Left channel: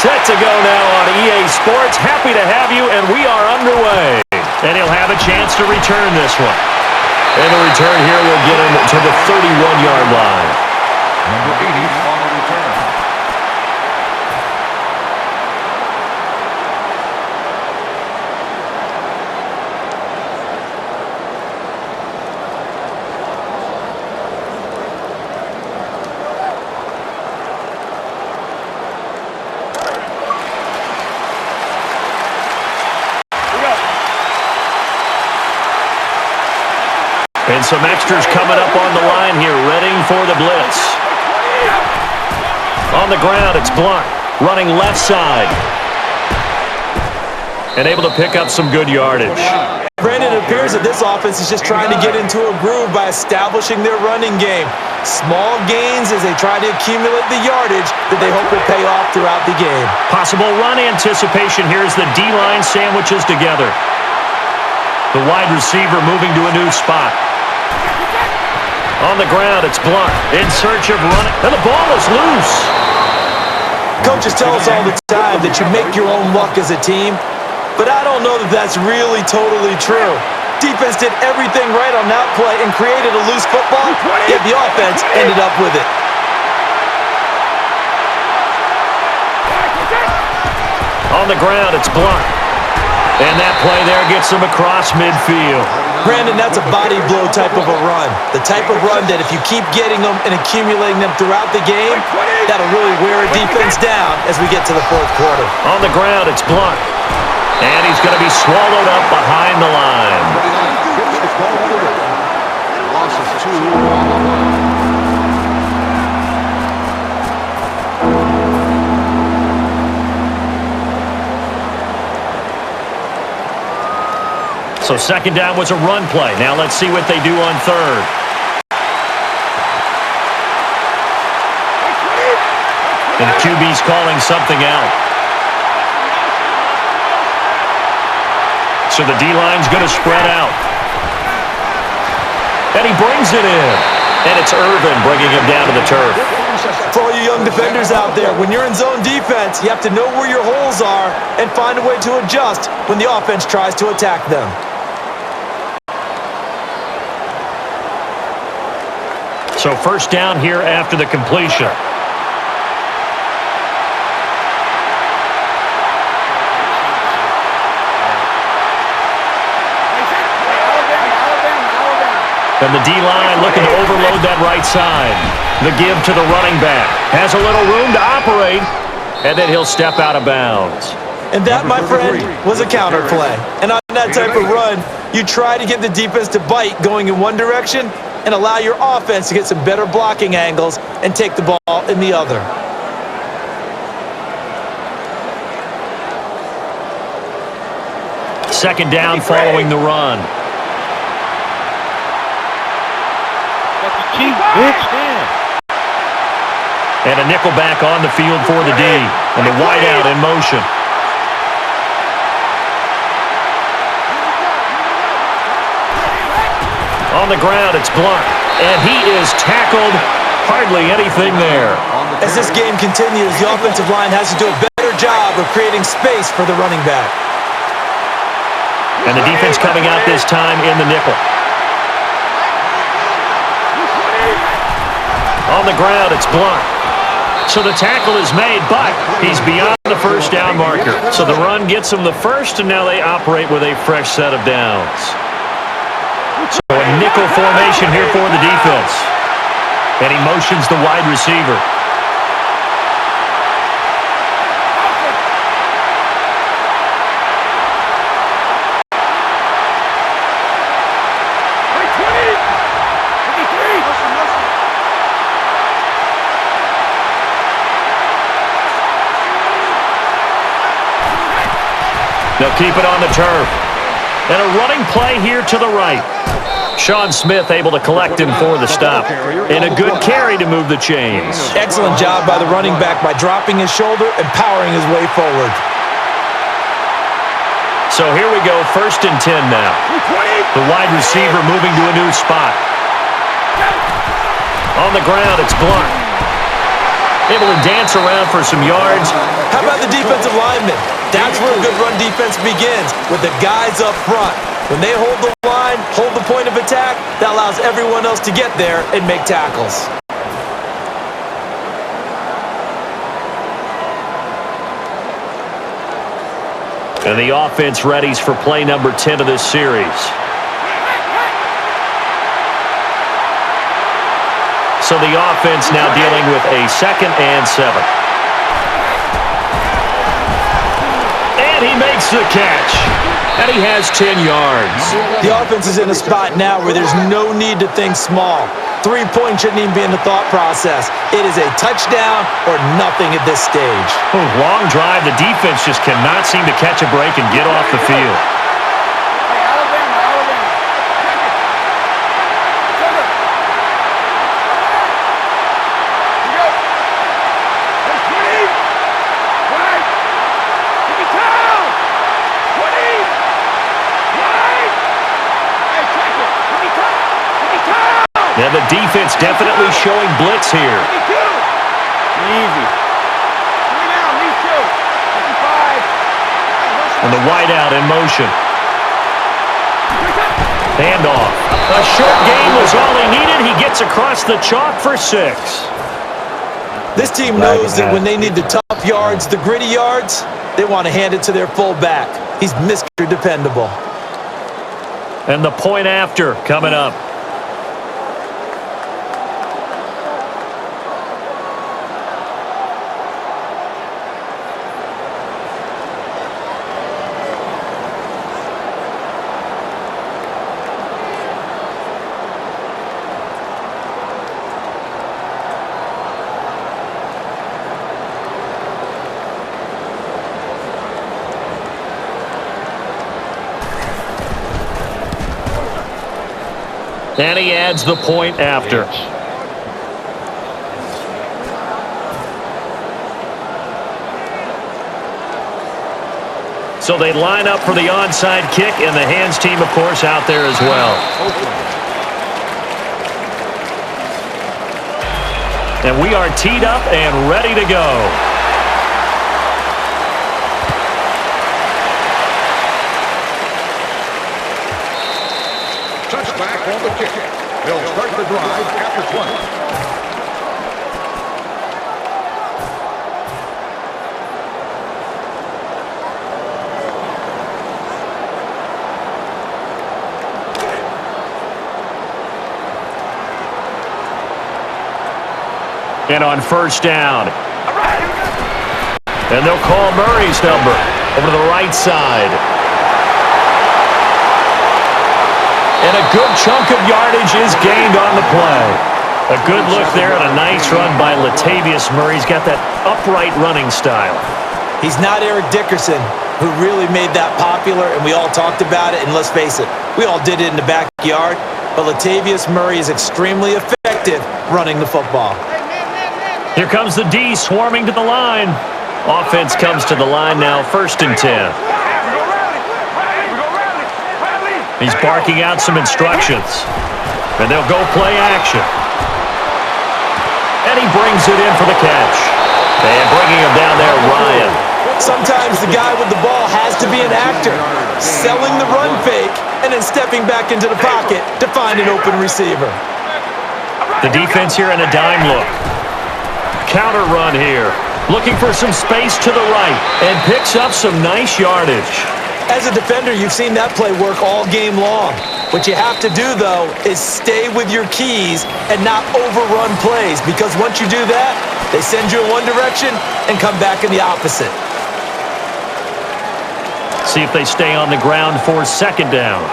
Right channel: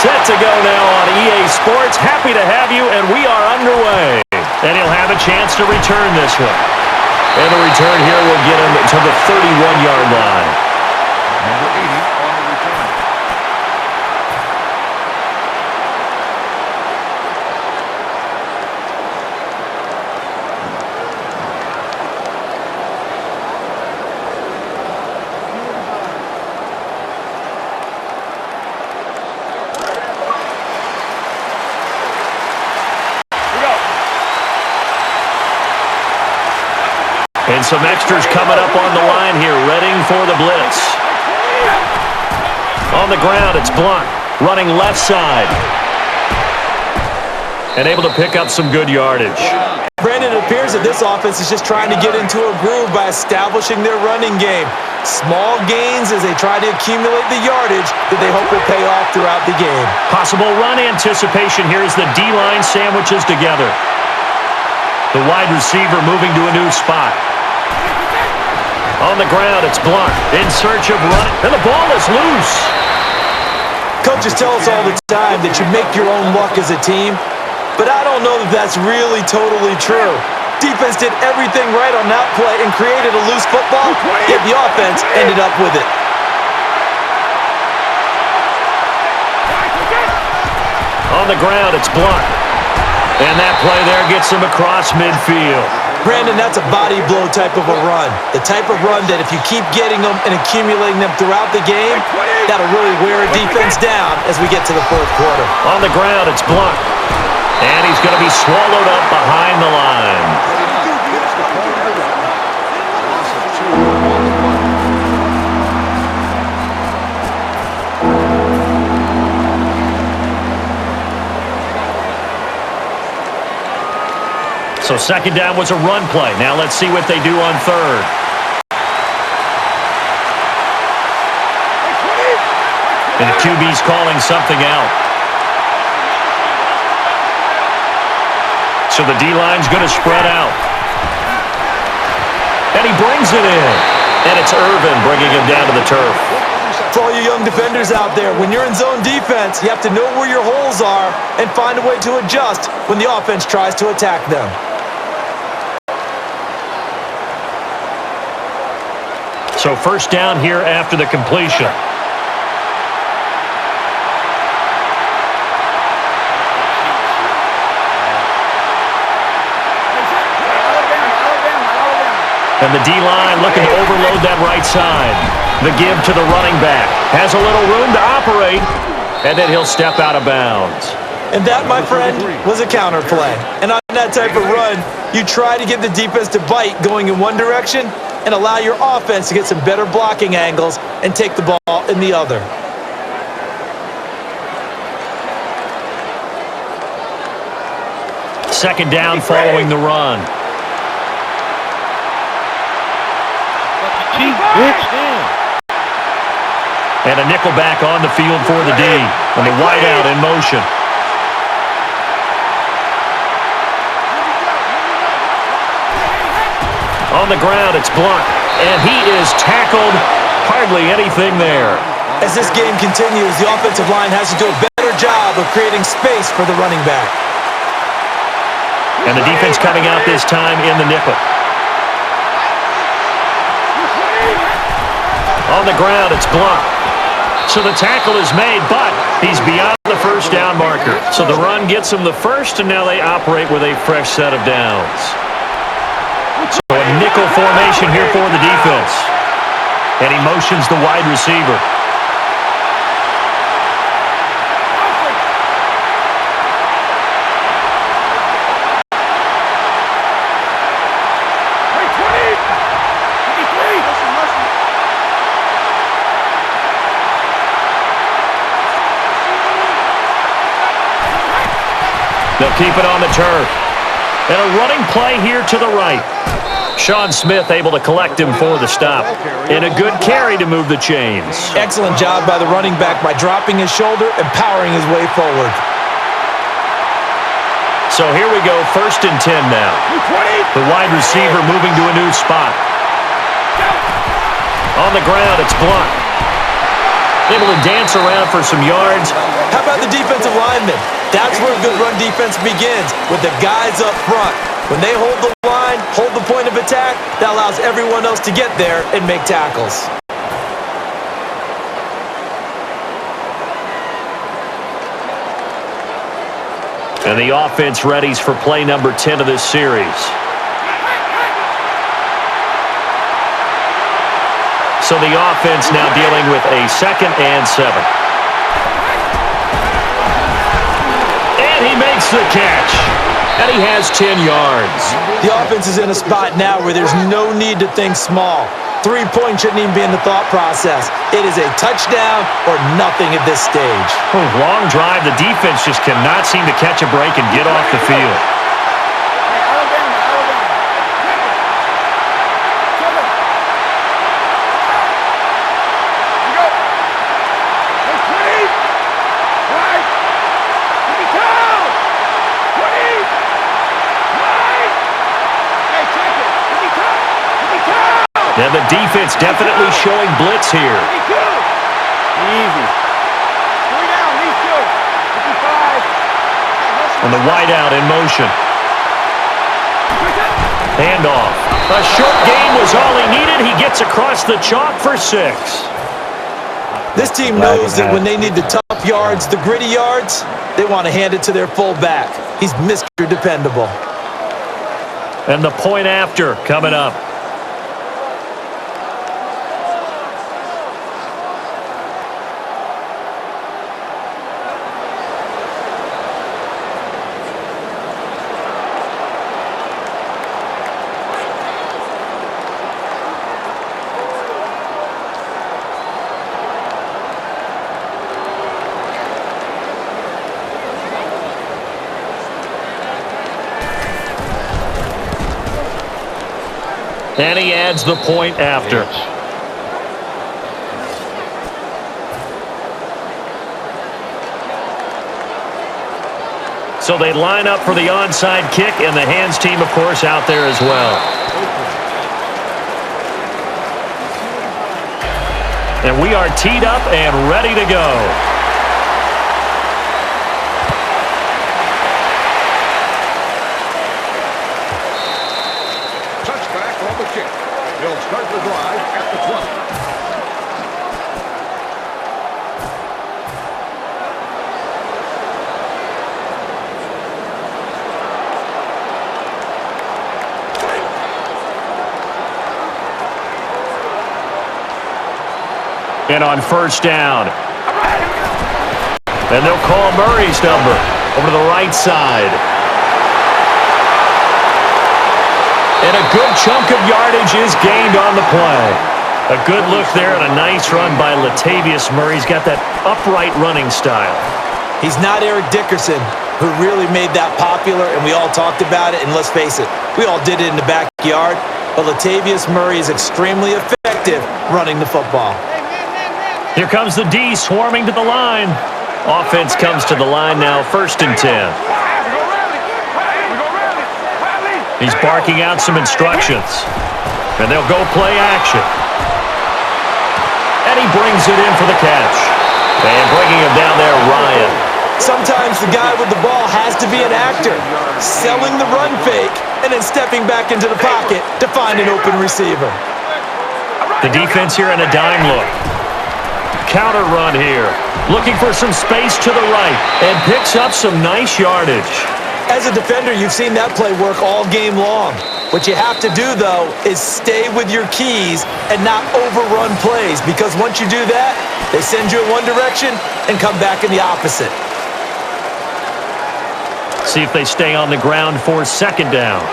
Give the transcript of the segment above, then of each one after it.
Set to go now on EA Sports. Happy to have you, and we are underway. And he'll have a chance to return this one. And the return here will get him to the 31-yard line. Number 80 on the return. And some extras coming up on the line here, readying for the blitz. On the ground, it's Blunt, running left side. And able to pick up some good yardage. Brandon, it appears that this offense is just trying to get into a groove by establishing their running game. Small gains as they try to accumulate the yardage that they hope will pay off throughout the game. Possible run anticipation here as the D-line sandwiches together. The wide receiver moving to a new spot. On the ground, it's Blunt in search of running, and the ball is loose. Coaches tell us all the time that you make your own luck as a team, but I don't know that that's really totally true. Defense did everything right on that play and created a loose football, yet the offense ended up with it. On the ground, it's Blunt. And that play there gets them across midfield. Brandon, that's a body blow type of a run. The type of run that if you keep getting them and accumulating them throughout the game, that'll really wear a defense down as we get to the fourth quarter. On the ground, it's Blunt. And he's going to be swallowed up behind the line. So second down was a run play. Now let's see what they do on third. And the QB's calling something out. So the D-line's going to spread out. And he brings it in. And it's Irvin bringing him down to the turf. For all you young defenders out there, when you're in zone defense, you have to know where your holes are and find a way to adjust when the offense tries to attack them. So first down here after the completion. And the D-line looking to overload that right side. The give to the running back. Has a little room to operate, and then he'll step out of bounds. And that, my friend, was a counter play. And on that type of run, you try to get the defense to bite going in one direction and allow your offense to get some better blocking angles and take the ball in the other. Second down following the run. And a nickel back on the field for the D. And the wideout in motion. On the ground, it's Blunt. And he is tackled. Hardly anything there. As this game continues, the offensive line has to do a better job of creating space for the running back. And the defense coming out this time in the nickel. On the ground, it's Blunt. So the tackle is made, but he's beyond the first down marker. So the run gets him the first, and now they operate with a fresh set of downs. So a nickel formation here for the defense. And he motions the wide receiver. They'll keep it on the turf. And a running play here to the right. Sean Smith able to collect him for the stop. And a good carry to move the chains. Excellent job by the running back by dropping his shoulder and powering his way forward. So here we go, 1st and 10 now. The wide receiver moving to a new spot. On the ground, it's Blunt. able to dance around for some yards. How about the defensive linemen? That's where a good run defense begins, with the guys up front. When they hold the line, hold the point of attack, that allows everyone else to get there and make tackles. And the offense readies for play number 10 of this series. So the offense now dealing with a 2nd and 7. And he makes the catch. And he has 10 yards. The offense is in a spot now where there's no need to think small. 3-point shouldn't even be in the thought process. It is a touchdown or nothing at this stage. Long drive. The defense just cannot seem to catch a break and get off the field. Hey, Alabama. Check it. Sugar. Here we go. Hey, 20. Right. 52. 20. Right. Hey, check it. 52. And the defense definitely showing blitz here. 52. Easy. 3 down, these 2. 55. And the wideout in motion. Handoff. A short game was all he needed. He gets across the chalk for 6. This team knows that when they need the tough yards, the gritty yards, they want to hand it to their fullback. He's Mr. Dependable. And the point after coming up. And he adds the point after. So they line up for the onside kick, and the hands team, of course, out there as well. And we are teed up and ready to go. Touchback on the kick. They'll start the drive at the 20. And on first down. And they'll call Murray's number over to the right side. And a good chunk of yardage is gained on the play. A good look there and a nice run by Latavius Murray. He's got that upright running style. He's not Eric Dickerson, who really made that popular, and we all talked about it, and let's face it, we all did it in the backyard, but Latavius Murray is extremely effective running the football. Here comes the D swarming to the line. Offense comes to the line now, 1st and 10. He's barking out some instructions. And they'll go play action. And he brings it in for the catch. And bringing him down there, Ryan. Sometimes the guy with the ball has to be an actor, selling the run fake and then stepping back into the pocket to find an open receiver. The defense here in a dime look. Counter run here. Looking for some space to the right and picks up some nice yardage. As a defender, you've seen that play work all game long. What you have to do, though, is stay with your keys and not overrun plays, because once you do that, they send you in one direction and come back in the opposite. See if they stay on the ground for 2nd down.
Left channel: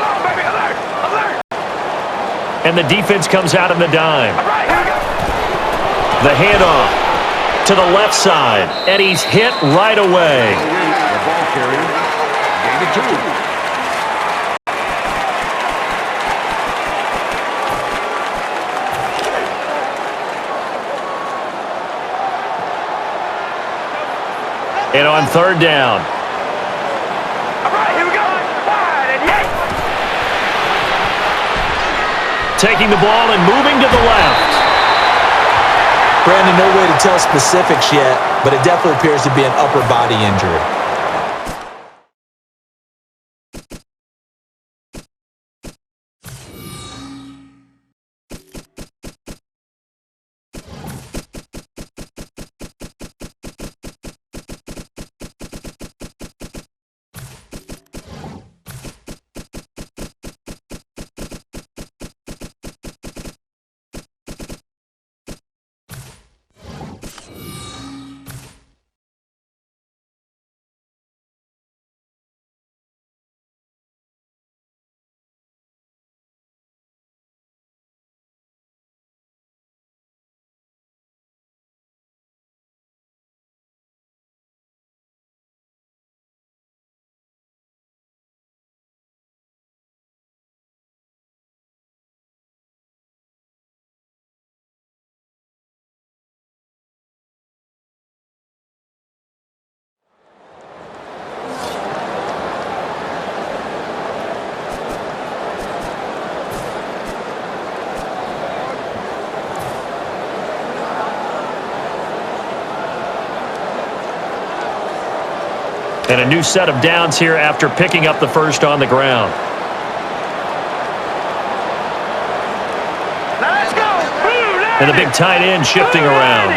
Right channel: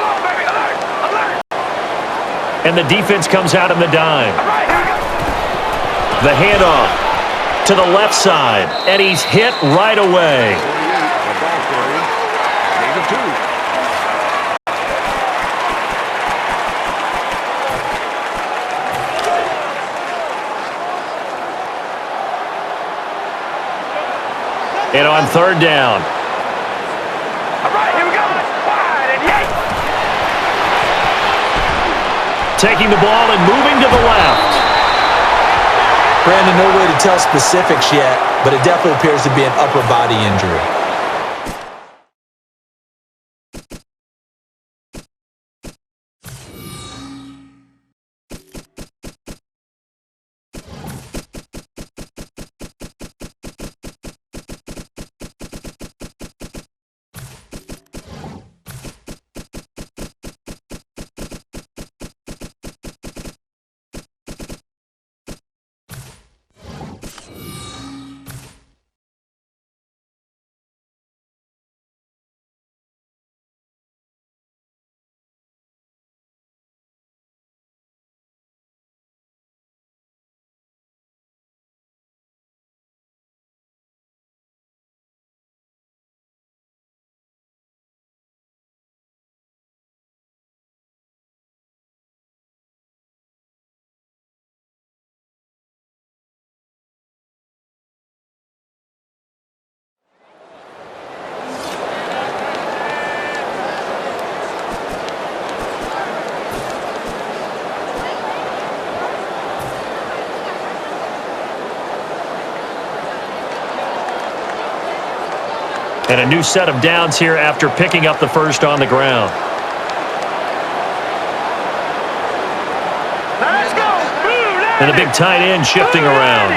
And the defense comes out in the dime. The handoff to the left side, and he's hit right away. The ball carrier, gain of 2. And on 3rd down. All right, here we go. Wide and yay. Taking the ball and moving to the left. Brandon, no way to tell specifics yet, but it definitely appears to be an upper body injury. And a new set of downs here after picking up the first on the ground. Now let's go. And the big tight end shifting around.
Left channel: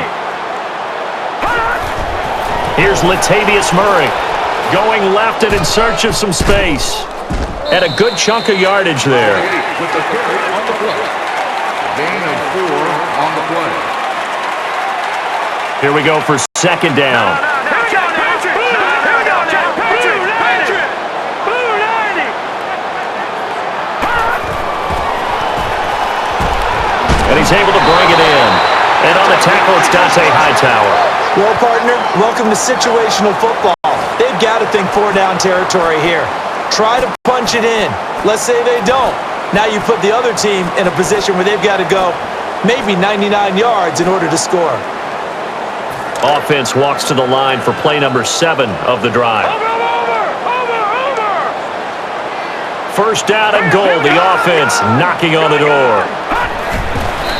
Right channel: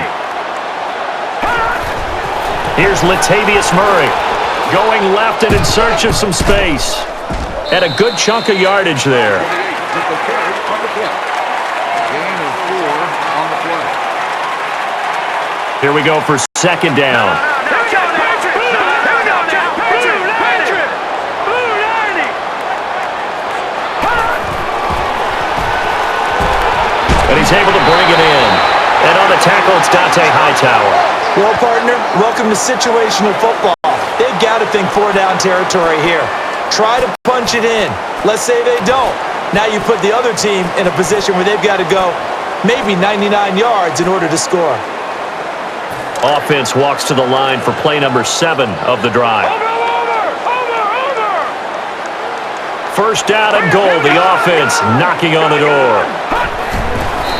Here's Latavius Murray going left and in search of some space. And a good chunk of yardage there. With the carry on the play. Gain of 4 on the play. Here we go for second down. And he's able to bring it in. And on the tackle, it's Dante Hightower. Well, partner, welcome to situational football. They've got to think 4-down territory here. Try to punch it in. Let's say they don't. Now you put the other team in a position where they've got to go maybe 99 yards in order to score. Offense walks to the line for play number 7 of the drive. Over. First down and goal. The offense knocking on the door.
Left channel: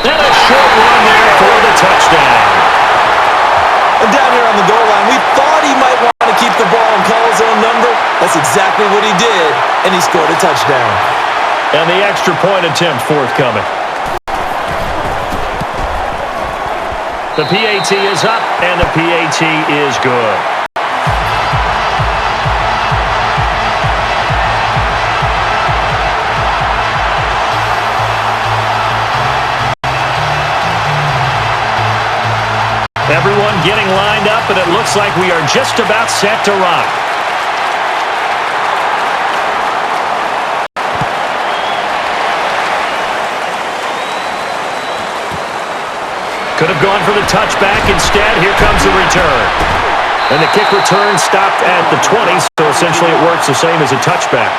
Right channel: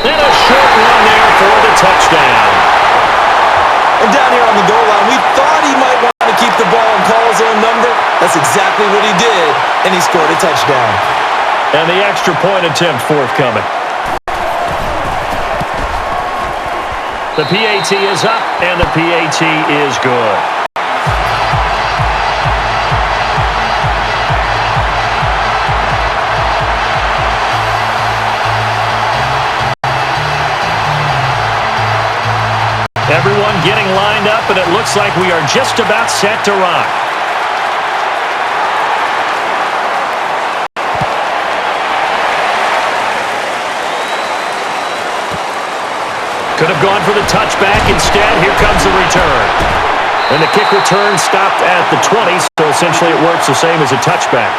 And a short run there for the touchdown. And down here on the goal line, we thought he might want to keep the ball and call his own number. That's exactly what he did, and he scored a touchdown. And the extra point attempt forthcoming. The PAT is up, and the PAT is good. Everyone getting lined up, and it looks like we are just about set to rock. Could have gone for the touchback. Instead, here comes the return. And the kick return stopped at the 20, so essentially it works the same as a touchback.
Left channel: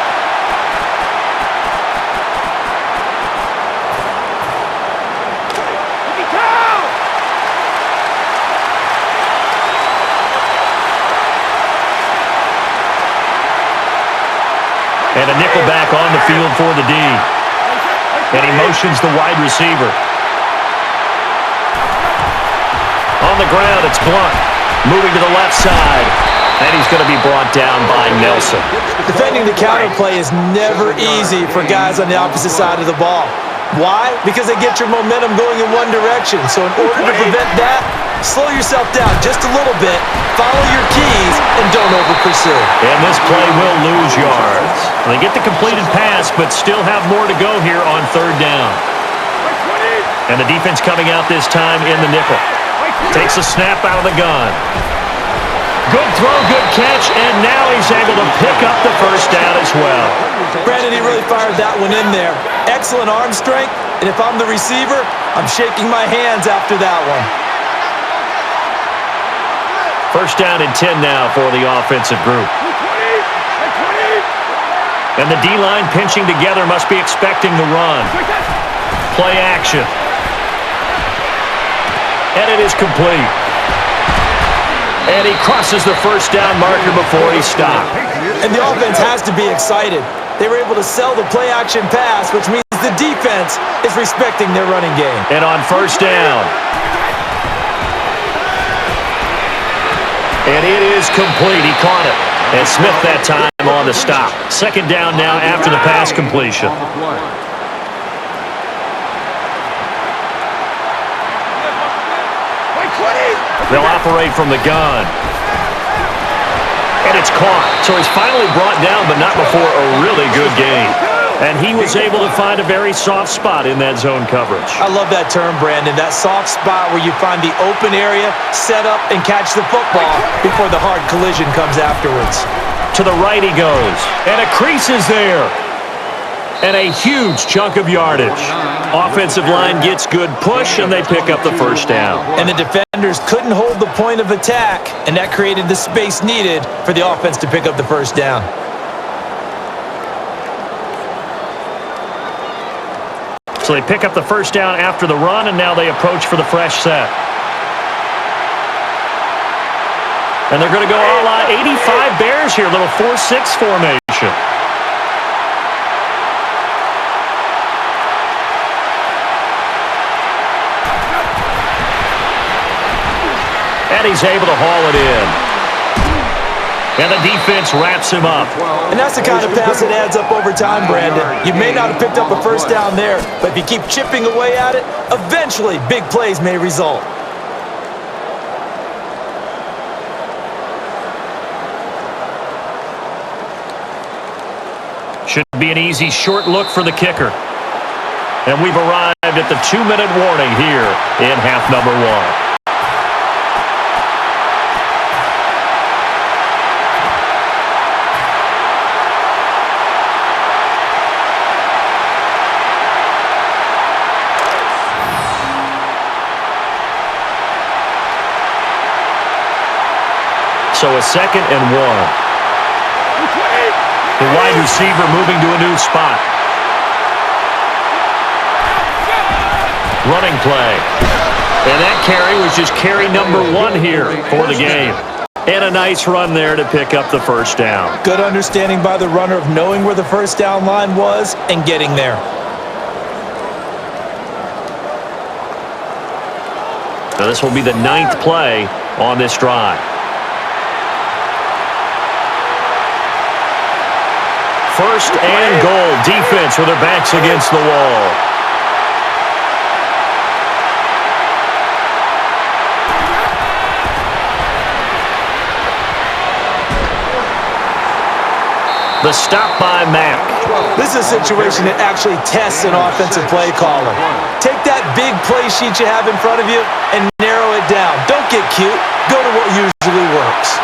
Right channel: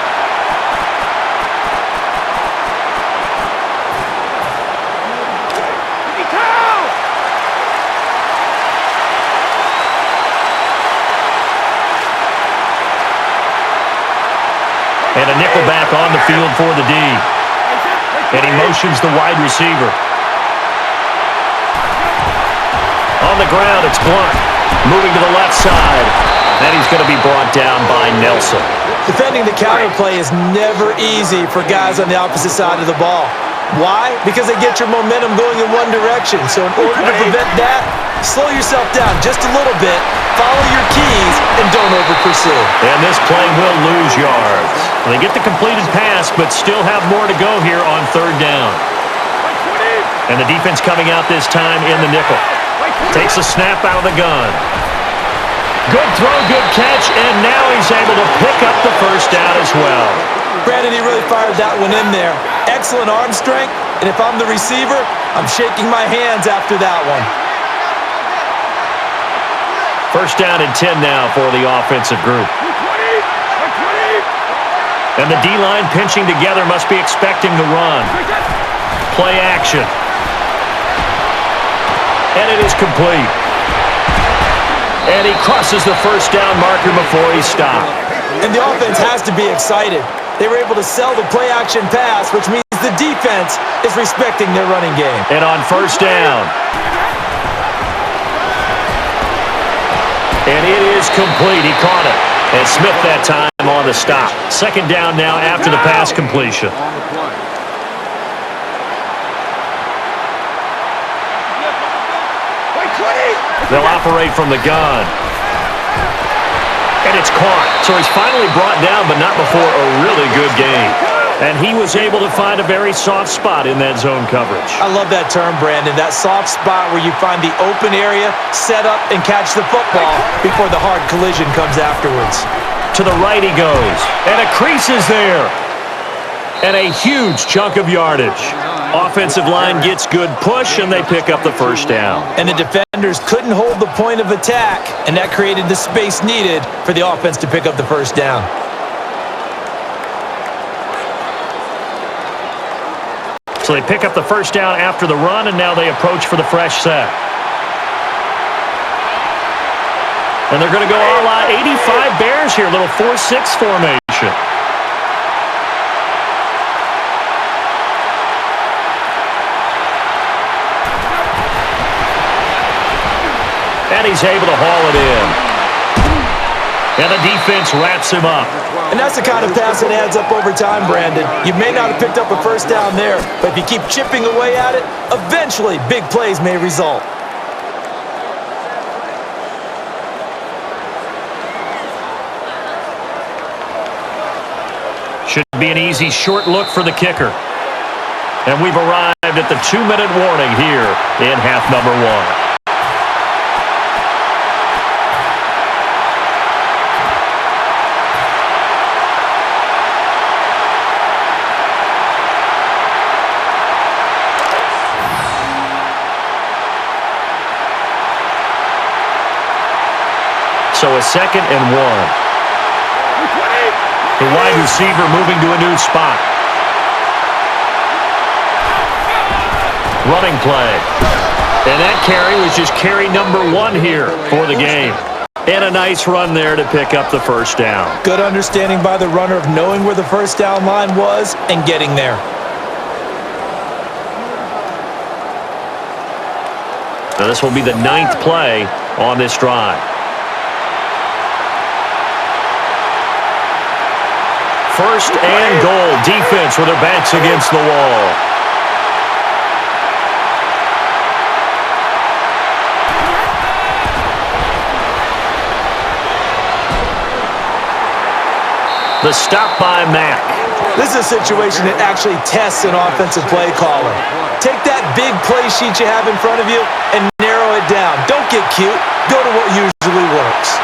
And a nickelback on the field for the D. And he motions the wide receiver. On the ground, it's Blunt. Moving to the left side. And he's going to be brought down by Nelson. Defending the counter play is never easy for guys on the opposite side of the ball. Why? Because they get your momentum going in one direction. So in order to prevent that, slow yourself down just a little bit, follow your keys, and don't over-pursue. And this play will lose yards. They get the completed pass, but still have more to go here on third down. And the defense coming out this time in the nickel. Takes a snap out of the gun. Good throw, good catch, and now he's able to pick up the first down as well. Brandon, he really fired that one in there. Excellent arm strength, and if I'm the receiver, I'm shaking my hands after that one. First down and 10 now for the offensive group. And the D-line pinching together must be expecting the run. Play action. And it is complete. And he crosses the first down marker before he stopped. And the offense has to be excited. They were able to sell the play-action pass, which means the defense is respecting their running game. And on first down, And it is complete. He caught it. And Smith that time on the stop. Second down now after the pass completion. On the play. They'll operate from the gun. And it's caught. So he's finally brought down, but not before a really good game. And he was able to find a very soft spot in that zone coverage. I love that term, Brandon. That soft spot where you find the open area, set up, and catch the football before the hard collision comes afterwards. To the right he goes. And a crease is there. And a huge chunk of yardage. Offensive line gets good push, and they pick up the first down. And the defenders couldn't hold the point of attack, and that created the space needed for the offense to pick up the first down. So they pick up the first down after the run, and now they approach for the fresh set. And they're going to go a la 85 Bears here, little 4-6 formation. And he's able to haul it in. And the defense wraps him up. And that's the kind of pass that adds up over time, Brandon. You may not have picked up a first down there, but if you keep chipping away at it, eventually big plays may result. Should be an easy short look for the kicker. And we've arrived at the 2-minute warning here in half number 1. So a 2nd and 1. The wide receiver moving to a new spot. Running play. And that carry was just carry number 1 here for the game. And a nice run there to pick up the first down. Good understanding by the runner of knowing where the first down line was and getting there. Now this will be the 9th play on this drive. First and goal. Defense with their backs against the wall. The stop by Mack. This is a situation that actually tests an offensive play caller. Take that big play sheet you have in front of you and narrow it down. Don't get cute. Go to what usually works.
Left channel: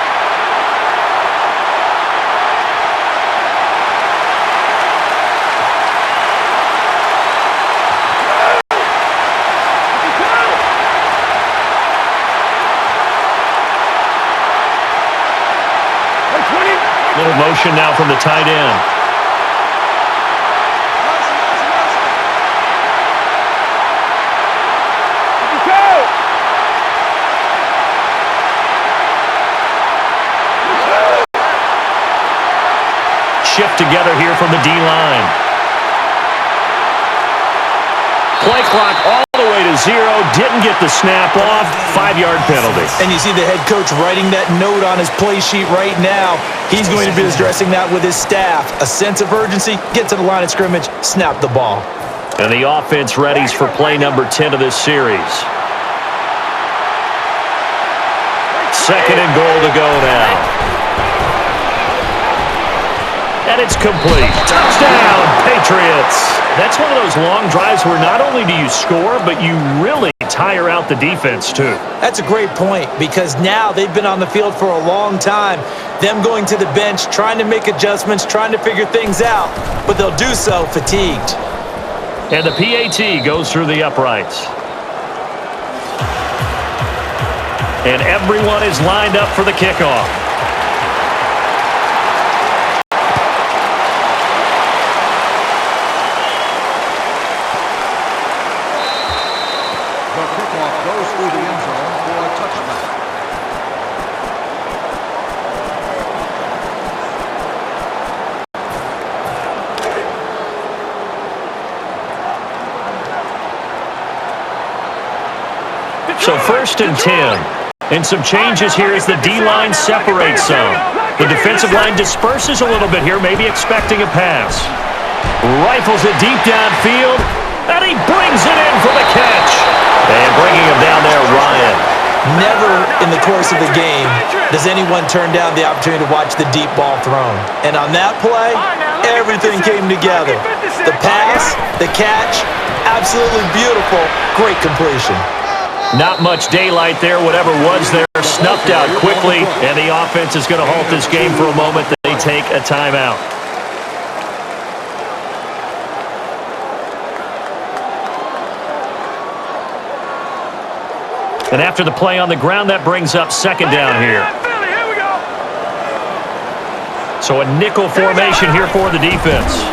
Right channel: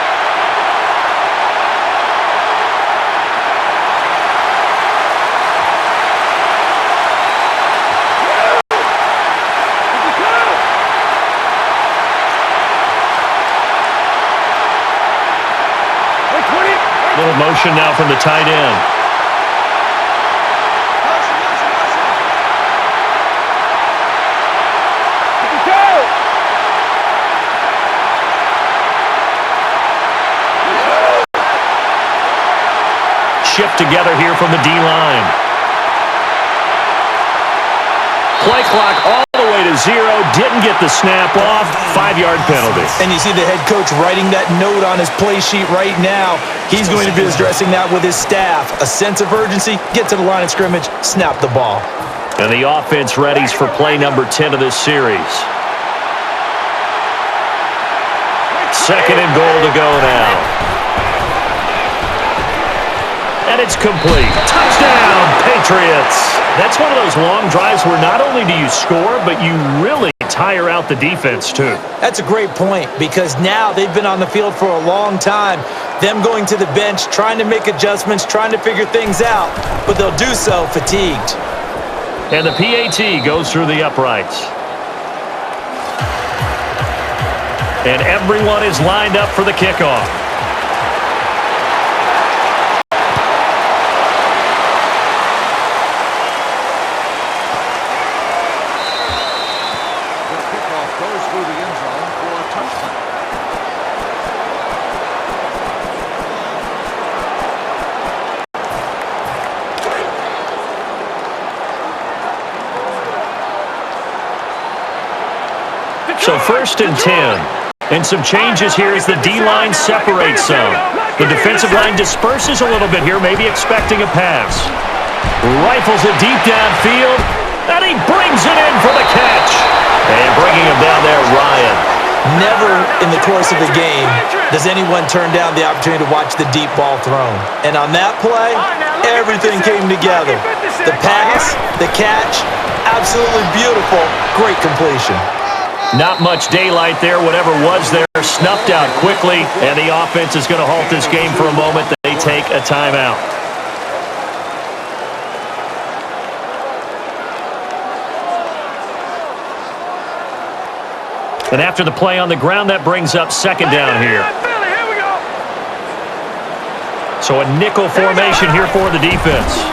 Little motion now from the tight end. Shift together here from the D-line. Play clock all the way to 0. Didn't get the snap off. 5-yard penalty. And you see the head coach writing that note on his play sheet right now. He's going to be addressing that with his staff. A sense of urgency, get to the line of scrimmage, snap the ball. And the offense readies for play number 10 of this series. 2nd and goal to go now. And it's complete. Touchdown, Patriots. That's one of those long drives where not only do you score, but you really tire out the defense, too. That's a great point because now they've been on the field for a long time. Them going to the bench, trying to make adjustments, trying to figure things out, but they'll do so fatigued. And the PAT goes through the uprights. And everyone is lined up for the kickoff. Goes through the end zone for a touchback. So 1st and 10. And some changes here as the D-line separates some. The defensive line disperses a little bit here, maybe expecting a pass. Rifles it deep downfield, and he brings it in for the catch. And bringing him down there, Ryan. Never in the course of a game does anyone turn down the opportunity to watch the deep ball thrown. And on that play, everything came together. The pass, the catch, absolutely beautiful. Great completion. Not much daylight there. Whatever was there, snuffed out quickly. And the offense is going to halt this game for a moment. They take a timeout. And after the play on the ground, that brings up second down here. So a nickel formation here for the defense.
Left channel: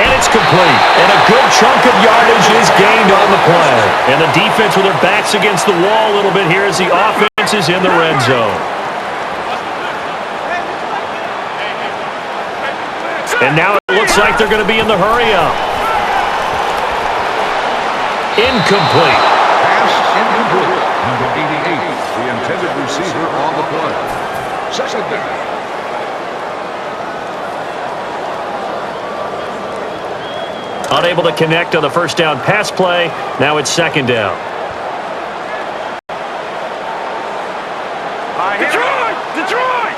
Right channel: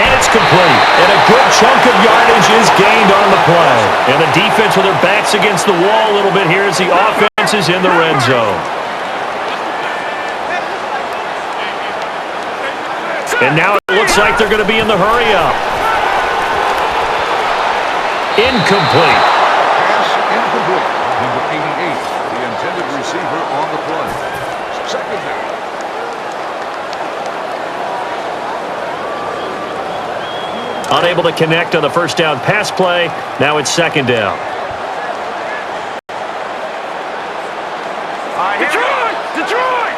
And it's complete. And a good chunk of yardage is gained on the play. And the defense with their backs against the wall a little bit here as the offense is in the red zone. And now it looks like they're going to be in the hurry-up. Incomplete. Pass incomplete. Number 88, the intended receiver on the play. Second down. Unable to connect on the first down pass play. Now it's second down. Detroit! Detroit!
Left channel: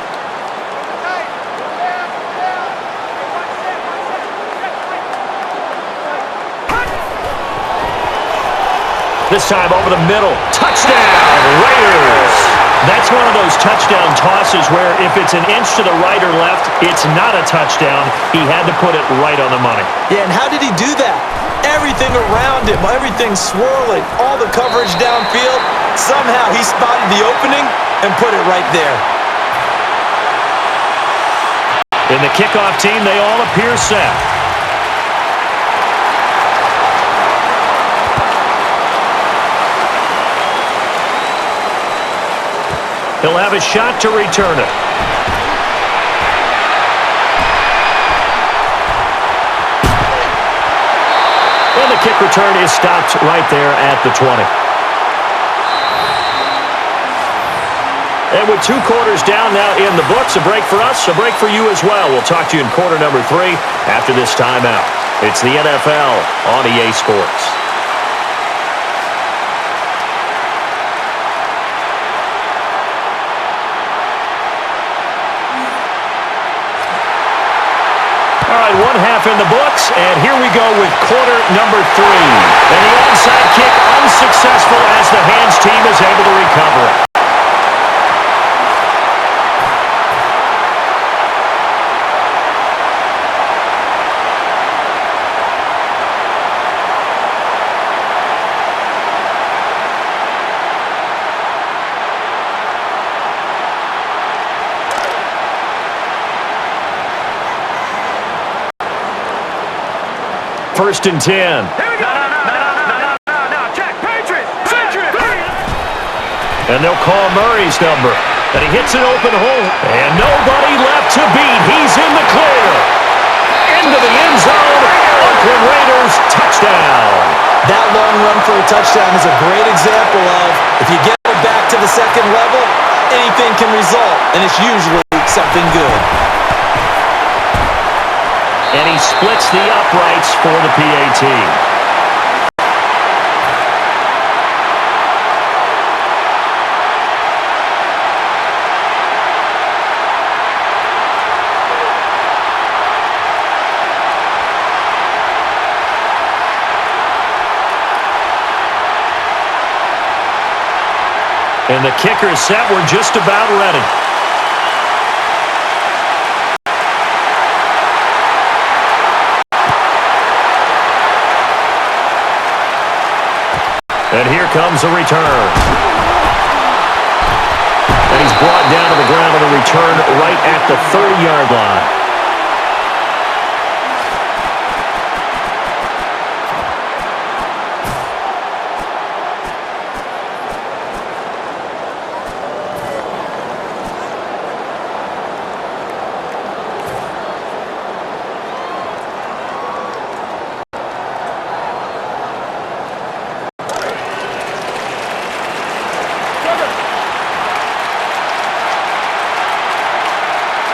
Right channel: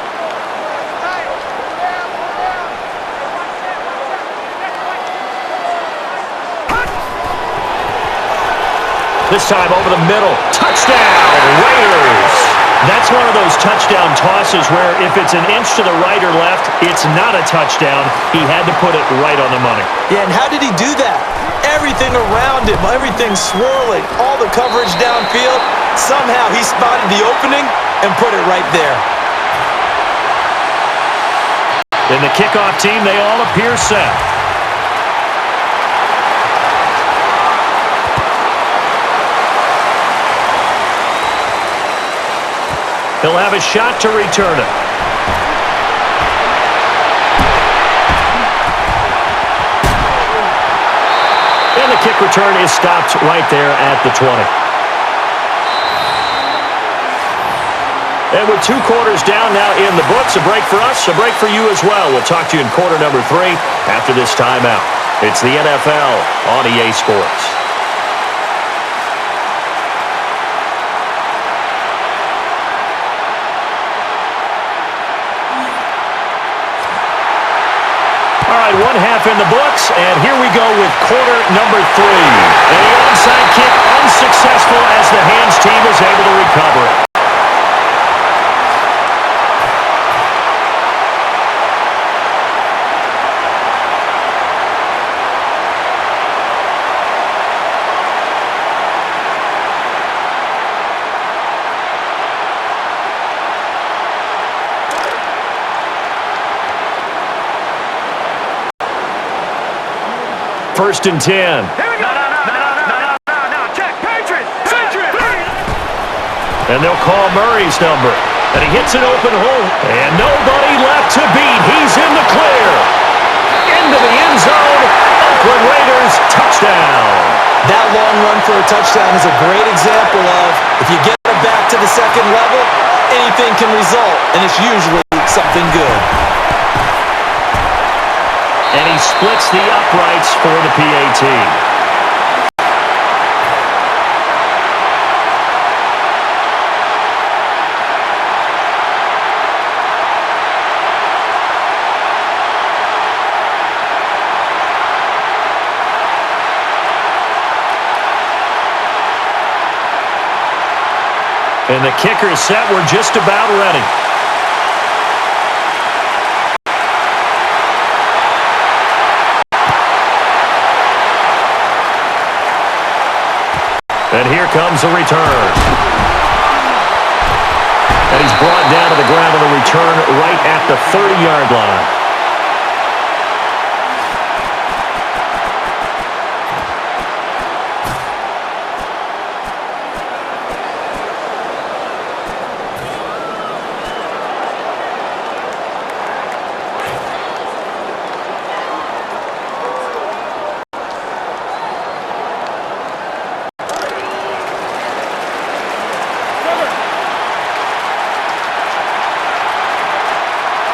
This time over the middle. Touchdown, Raiders. That's one of those touchdown tosses where if it's an inch to the right or left, it's not a touchdown. He had to put it right on the money. Yeah, and how did he do that? Everything around him, everything swirling, all the coverage downfield. Somehow he spotted the opening and put it right there. In the kickoff team, they all appear set. He'll have a shot to return it. And the kick return is stopped right there at the 20. And with 2 quarters down now in the books, a break for us, a break for you as well. We'll talk to you in quarter number 3 after this timeout. It's the NFL on EA Sports. All right, 1 half in the books, and here we go with quarter number 3. And the onside kick unsuccessful as the hands team is able to recover it. First and 10. Here we go. No. Check. Patriots. And they'll call Murray's number. And he hits an open hole. And nobody left to beat. He's in the clear. Into the end zone. Oakland Raiders touchdown. That long run for a touchdown is a great example of if you get it back to the second level, anything can result. And it's usually something good. And he splits the uprights for the PAT. And the kicker is set. We're just about ready. And here comes a return. And he's brought down to the ground on the return right at the 30-yard line.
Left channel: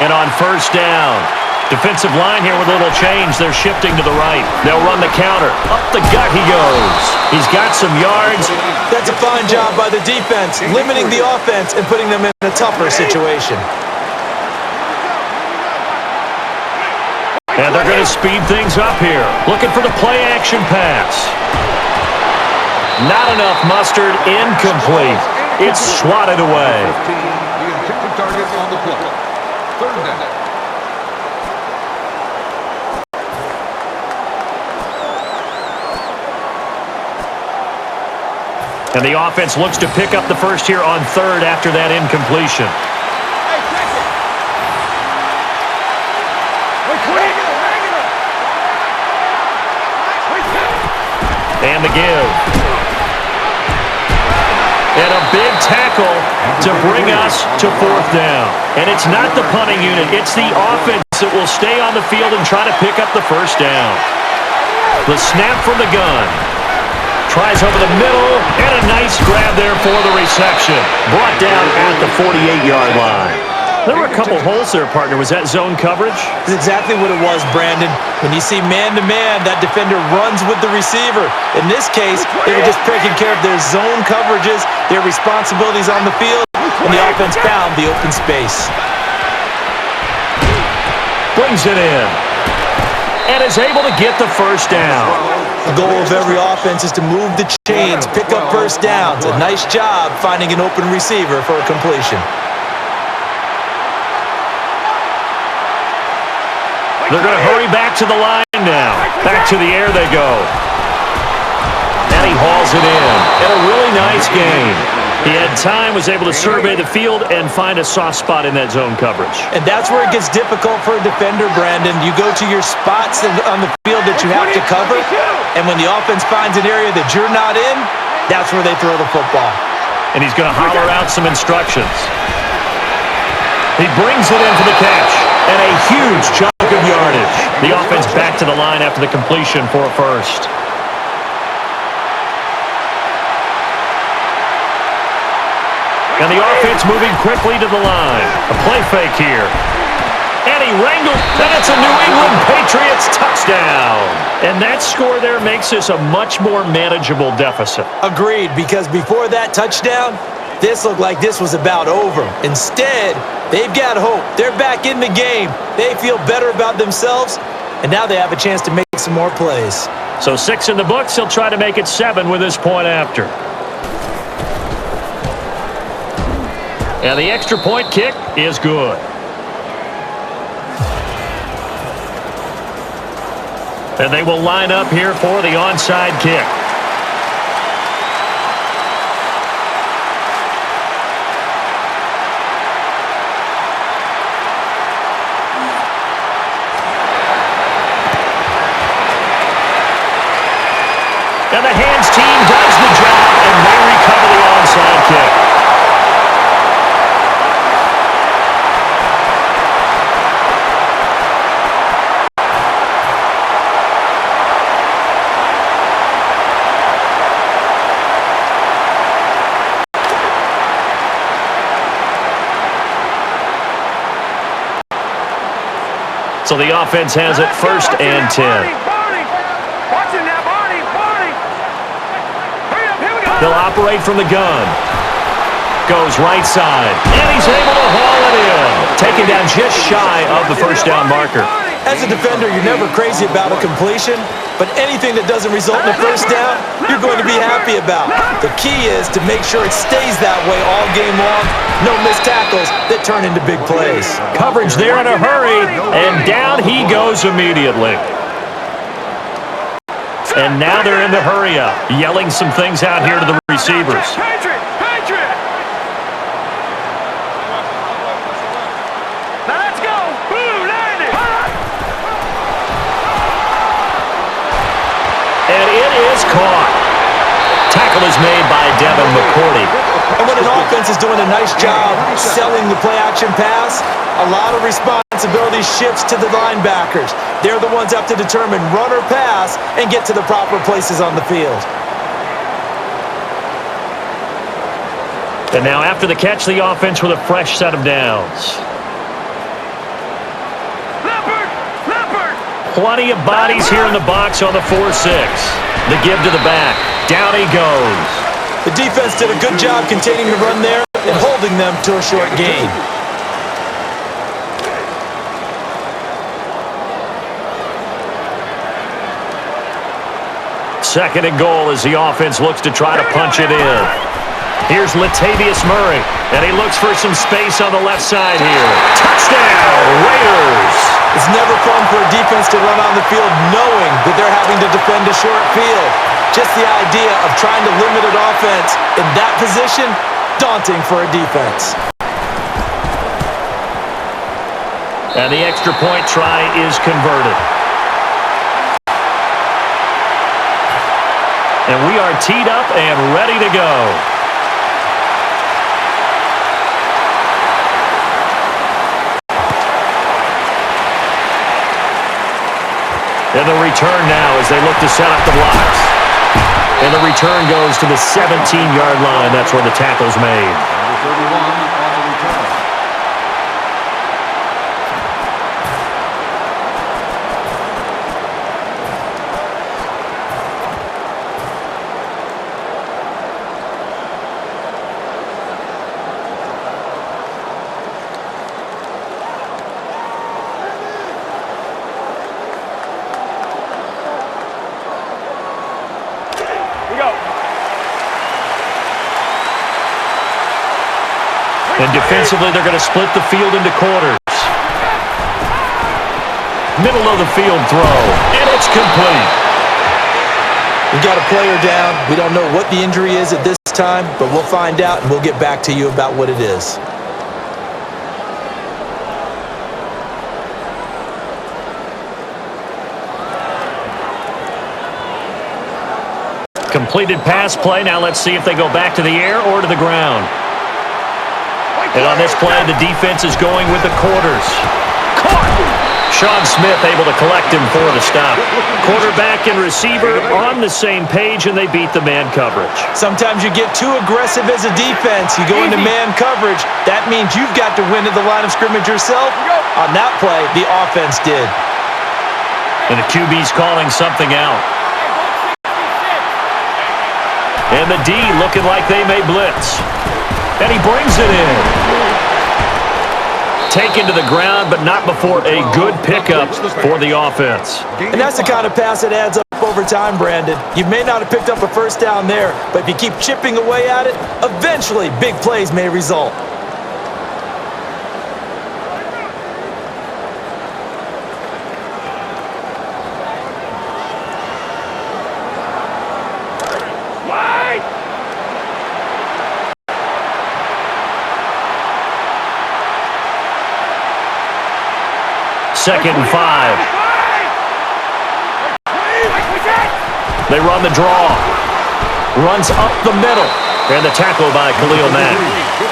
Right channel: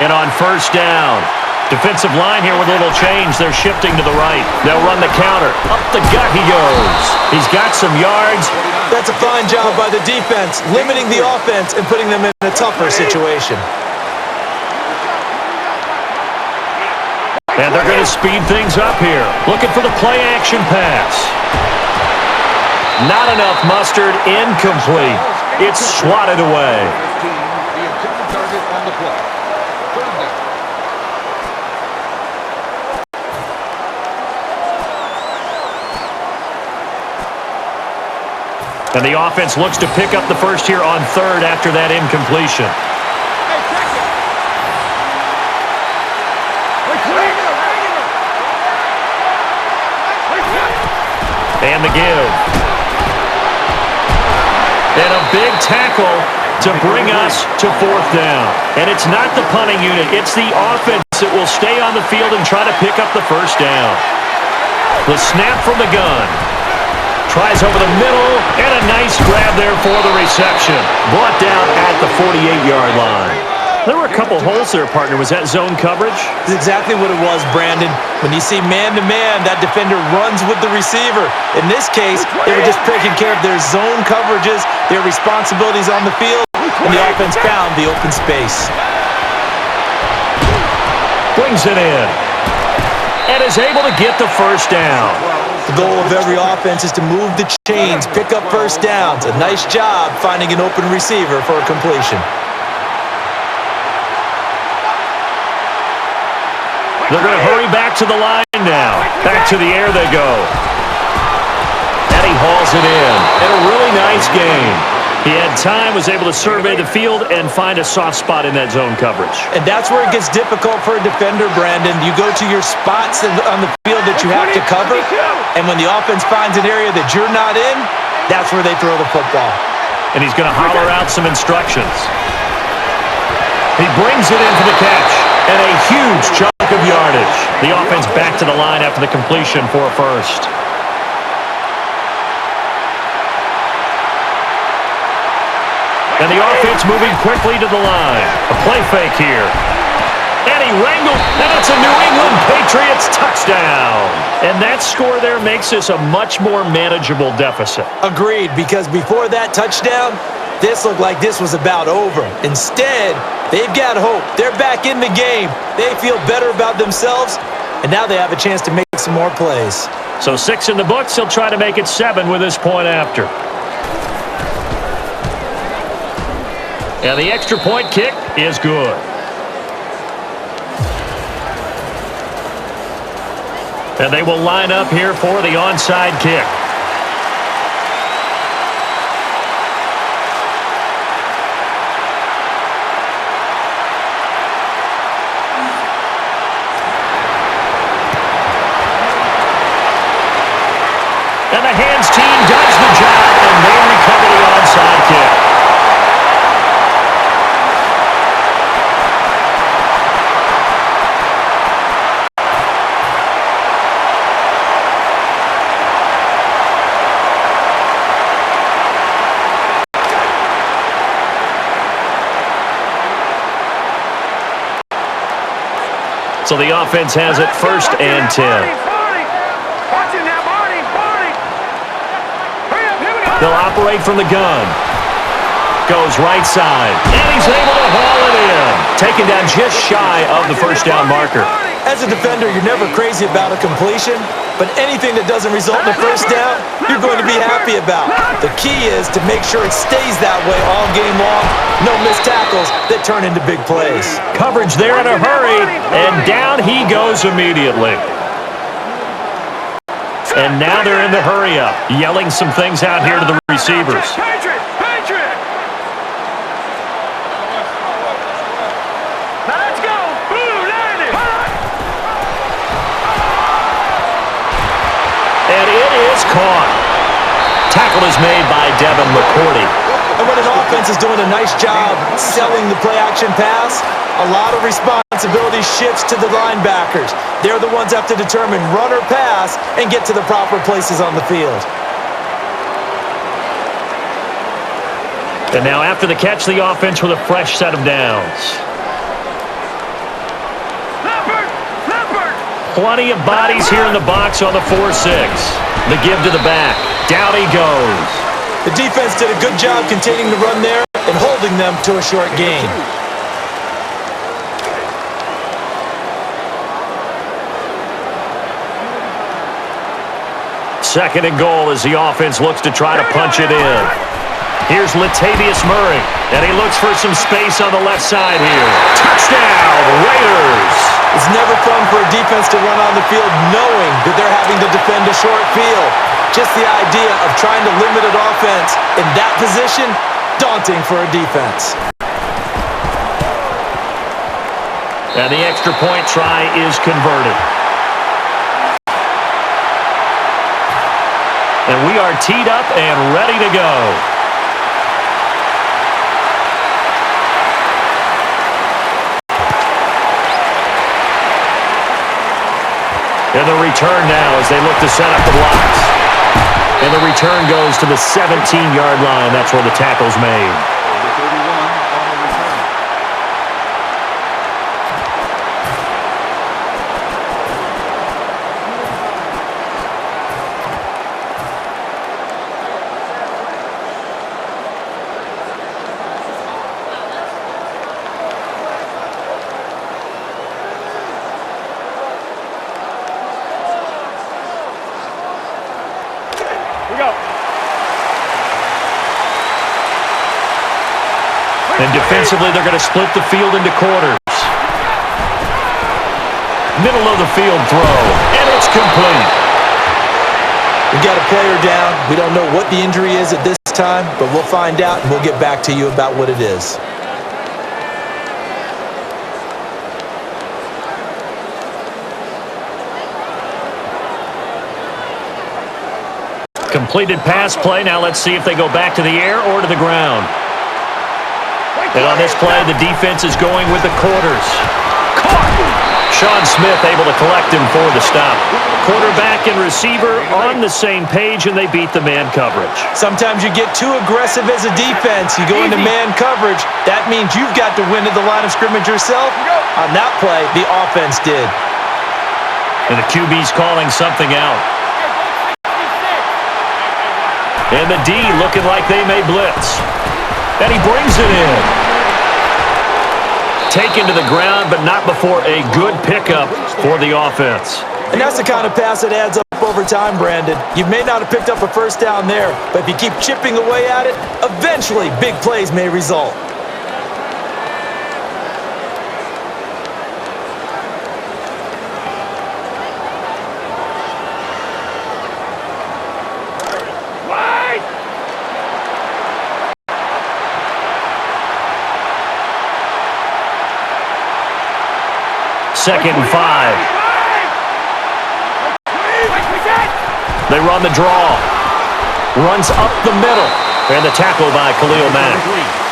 And on first down, defensive line here with a little change. They're shifting to the right. They'll run the counter. Up the gut he goes. He's got some yards. That's a fine job by the defense, limiting the offense and putting them in a tougher situation. And they're going to speed things up here. Looking for the play-action pass. Not enough mustard. Incomplete. It's swatted away. The intended target on the play. Third down. And the offense looks to pick up the first here on third after that incompletion. Hey, check it. And the give. And a big tackle to bring us to fourth down. And it's not the punting unit. It's the offense that will stay on the field and try to pick up the first down. The snap from the gun. Tries over the middle, and a nice grab there for the reception. Brought down at the 48-yard line. There were a couple holes there, partner. Was that zone coverage? That's exactly what it was, Brandon. When you see man-to-man, that defender runs with the receiver. In this case, they were just taking care of their zone coverages, their responsibilities on the field, and the offense found the open space. Brings it in. And is able to get the first down. The goal of every offense is to move the chains, pick up first downs. A nice job finding an open receiver for a completion. They're going to hurry back to the line now. Back to the air they go. And he hauls it in. And a really nice game. He had time, was able to survey the field and find a soft spot in that zone coverage. And that's where it gets difficult for a defender, Brandon. You go to your spots on the field that you have to cover, and when the offense finds an area that you're not in, that's where they throw the football. And he's going to holler out some instructions. He brings it in for the catch, and a huge chunk of yardage. The offense back to the line after the completion for a first. And the offense moving quickly to the line. A play fake here. And he wrangled, and it's a New England Patriots touchdown. And that score there makes this a much more manageable deficit. Agreed, because before that touchdown, this looked like this was about over. Instead, they've got hope. They're back in the game. They feel better about themselves, and now they have a chance to make some more plays. So 6 in the books. He'll try to make it 7 with this point after. And the extra point kick is good. And they will line up here for the onside kick. And the hands team does the job, and they recover the onside kick. So the offense has it first and 10. Watch it now, Barney. Hurry up, here we go. They'll operate from the gun. Goes right side. And he's able to haul it in. Taken down just shy of the first down marker. As a defender, you're never crazy about a completion, but anything that doesn't result in a first down, you're going to be happy about. The key is to make sure it stays that way all game long. No missed tackles that turn into big plays. Coverage there in a hurry, and down he goes immediately. And now they're in the hurry up, yelling some things out here to the receivers. Patriot! Now let's go! Boom, landed! And it is caught. Tackle is made by Devin McCourty. And when an offense is doing a nice job selling the play-action pass, a lot of responsibility shifts to the linebackers. They're the ones that have to determine run or pass and get to the proper places on the field. And now after the catch, the offense with a fresh set of downs. Plenty of bodies here in the box on the 4-6. The give to the back. Down he goes. The defense did a good job containing the run there and holding them to a short gain. Second and goal as the offense looks to try to punch it in. Here's Latavius Murray, and he looks for some space on the left side here. Touchdown, Raiders! It's never fun for a defense to run on the field knowing that they're having to defend a short field. Just the idea of trying to limit an offense in that position, daunting for a defense. And the extra point try is converted. And we are teed up and ready to go. And the return now as they look to set up the blocks. And the return goes to the 17-yard line. That's where the tackle's made. Number 31 on the return. We go. And defensively, they're going to split the field into quarters. Middle of the field throw, and it's complete. We got a player down. We don't know what the injury is at this time, but we'll find out and we'll get back to you about what it is. Completed pass play. Now let's see if they go back to the air or to the ground. And on this play, the defense is going with the quarters. Caught! Sean Smith able to collect him for the stop. Quarterback and receiver on the same page, and they beat the man coverage. Sometimes you get too aggressive as a defense. You go into man coverage. That means you've got to win at the line of scrimmage yourself. On that play, the offense did. And the QB's calling something out. And the D looking like they may blitz. And he brings it in. Taken to the ground, but not before a good pickup for the offense. And that's the kind of pass that adds up over time, Brandon. You may not have picked up a first down there, but if you keep chipping away at it, eventually big plays may result. Second and 5. They run the draw. Runs up the middle. And the tackle by Khalil Mack.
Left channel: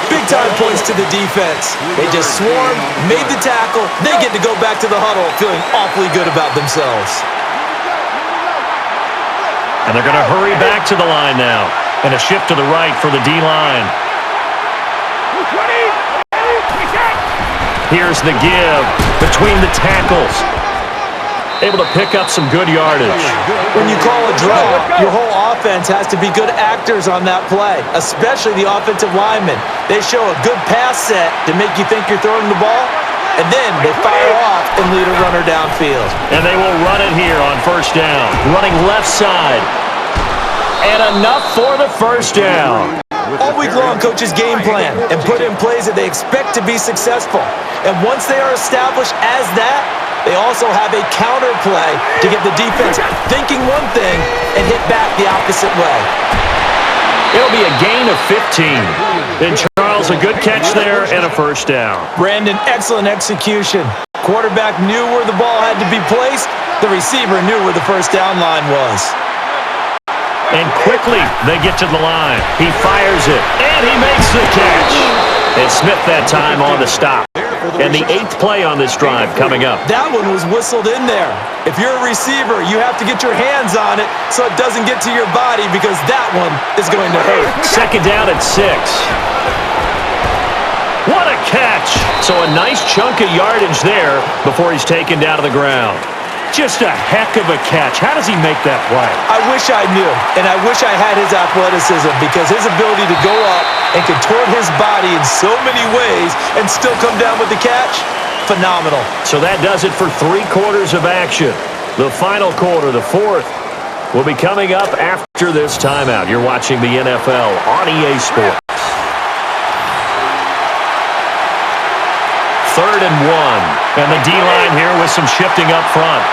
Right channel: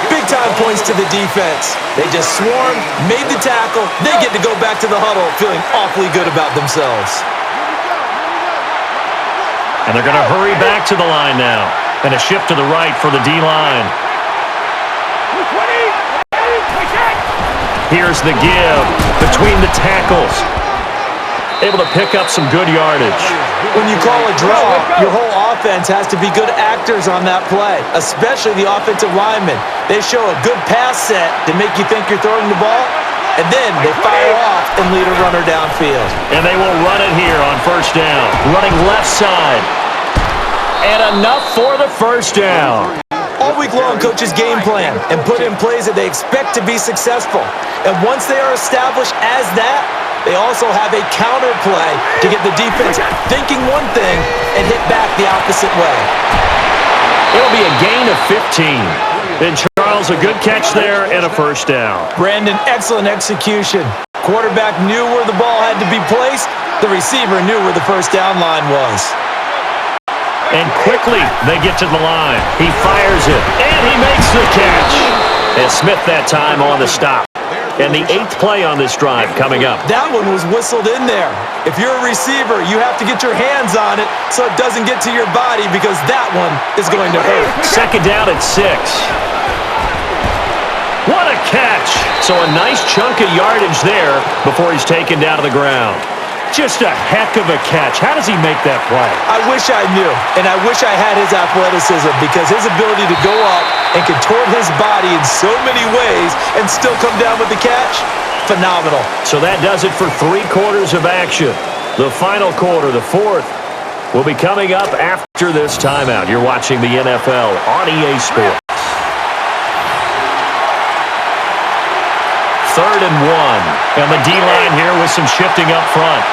Big-time points to the defense. They just swarmed, made the tackle. They get to go back to the huddle feeling awfully good about themselves. And they're going to hurry back to the line now. And a shift to the right for the D-line. Here's the give between the tackles. Able to pick up some good yardage. When you call a draw, your whole offense has to be good actors on that play, especially the offensive linemen. They show a good pass set to make you think you're throwing the ball, and then they fire off and lead a runner downfield. And they will run it here on first down. Running left side. And enough for the first down. All week long, coaches game plan and put in plays that they expect to be successful. And once they are established as that, they also have a counter play to get the defense thinking one thing and hit back the opposite way. It'll be a gain of 15. And Charles, a good catch there and a first down. Brandon, excellent execution. Quarterback knew where the ball had to be placed. The receiver knew where the first down line was. And quickly, they get to the line. He fires it, and he makes the catch. And Smith that time on the stop. And the 8th play on this drive coming up. That one was whistled in there. If you're a receiver, you have to get your hands on it so it doesn't get to your body because that one is going to hurt. Second down at 6. What a catch. So a nice chunk of yardage there before he's taken down to the ground. Just a heck of a catch. How does he make that play? I wish I knew, and I wish I had his athleticism, because his ability to go up and contort his body in so many ways and still come down with the catch, phenomenal. So that does it for 3 quarters of action. The final quarter, the fourth, will be coming up after this timeout. You're watching the NFL on EA Sports. 3rd and 1. And the D-line here with some shifting up front.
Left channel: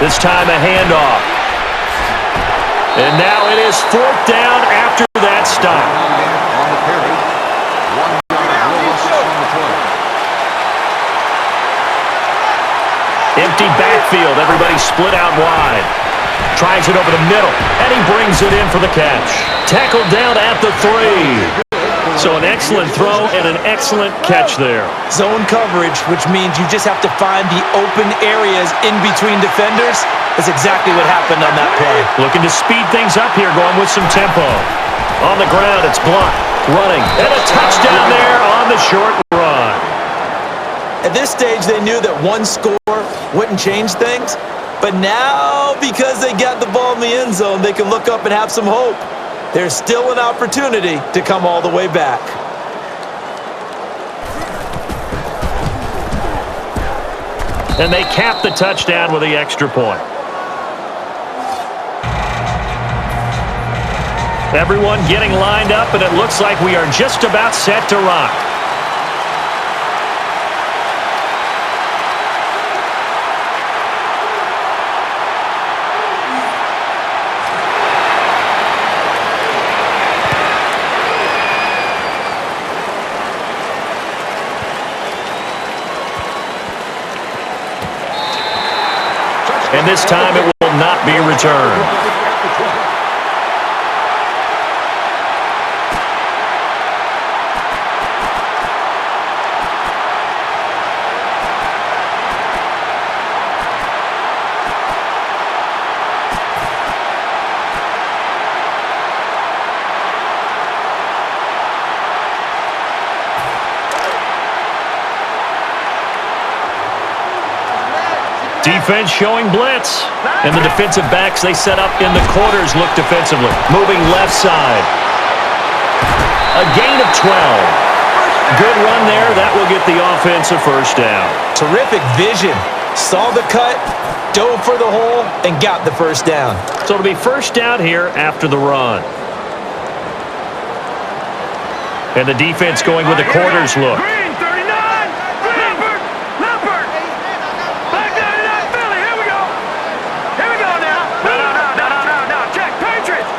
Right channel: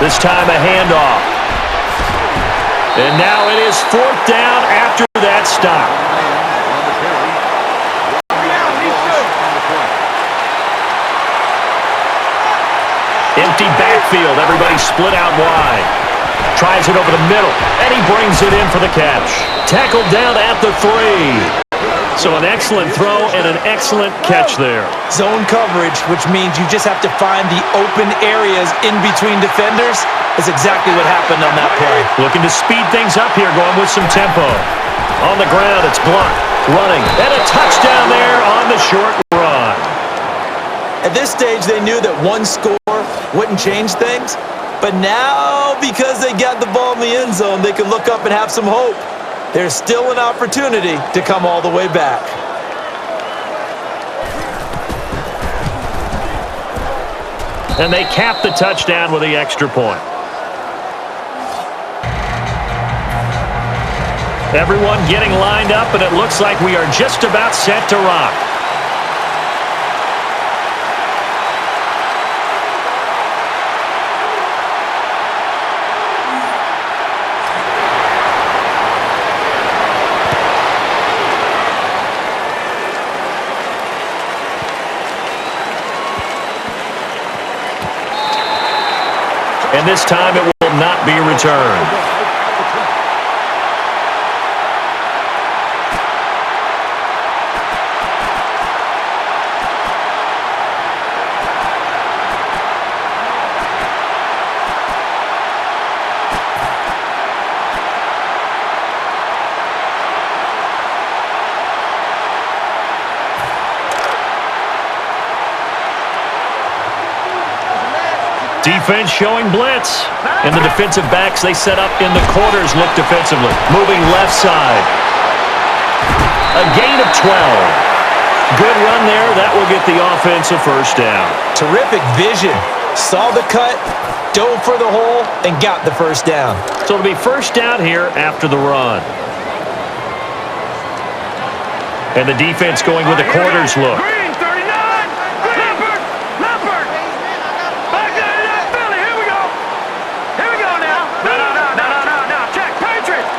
This time a handoff. And now it is 4th down after that stop. Empty backfield. Everybody split out wide. Tries it over the middle, and he brings it in for the catch. Tackled down at the 3. So an excellent throw and an excellent catch there. Zone coverage, which means you just have to find the open areas in between defenders. That's exactly what happened on that play. Looking to speed things up here, going with some tempo. On the ground, it's Blunt running, and a touchdown there on the short run. At this stage, they knew that one score wouldn't change things. But now, because they got the ball in the end zone, they can look up and have some hope. There's still an opportunity to come all the way back. And they cap the touchdown with the extra point. Everyone getting lined up, and it looks like we are just about set to rock. And this time it will not be returned. Defense showing blitz. And the defensive backs they set up in the quarters look defensively. Moving left side. A gain of 12. Good run there. That will get the offense a first down. Terrific vision. Saw the cut, dove for the hole, and got the first down. So it'll be first down here after the run. And the defense going with the quarters look. Green, 39. Leopard. Leopard. Back 99 Philly. Here we go. Here we go now. No. Check. Patriots.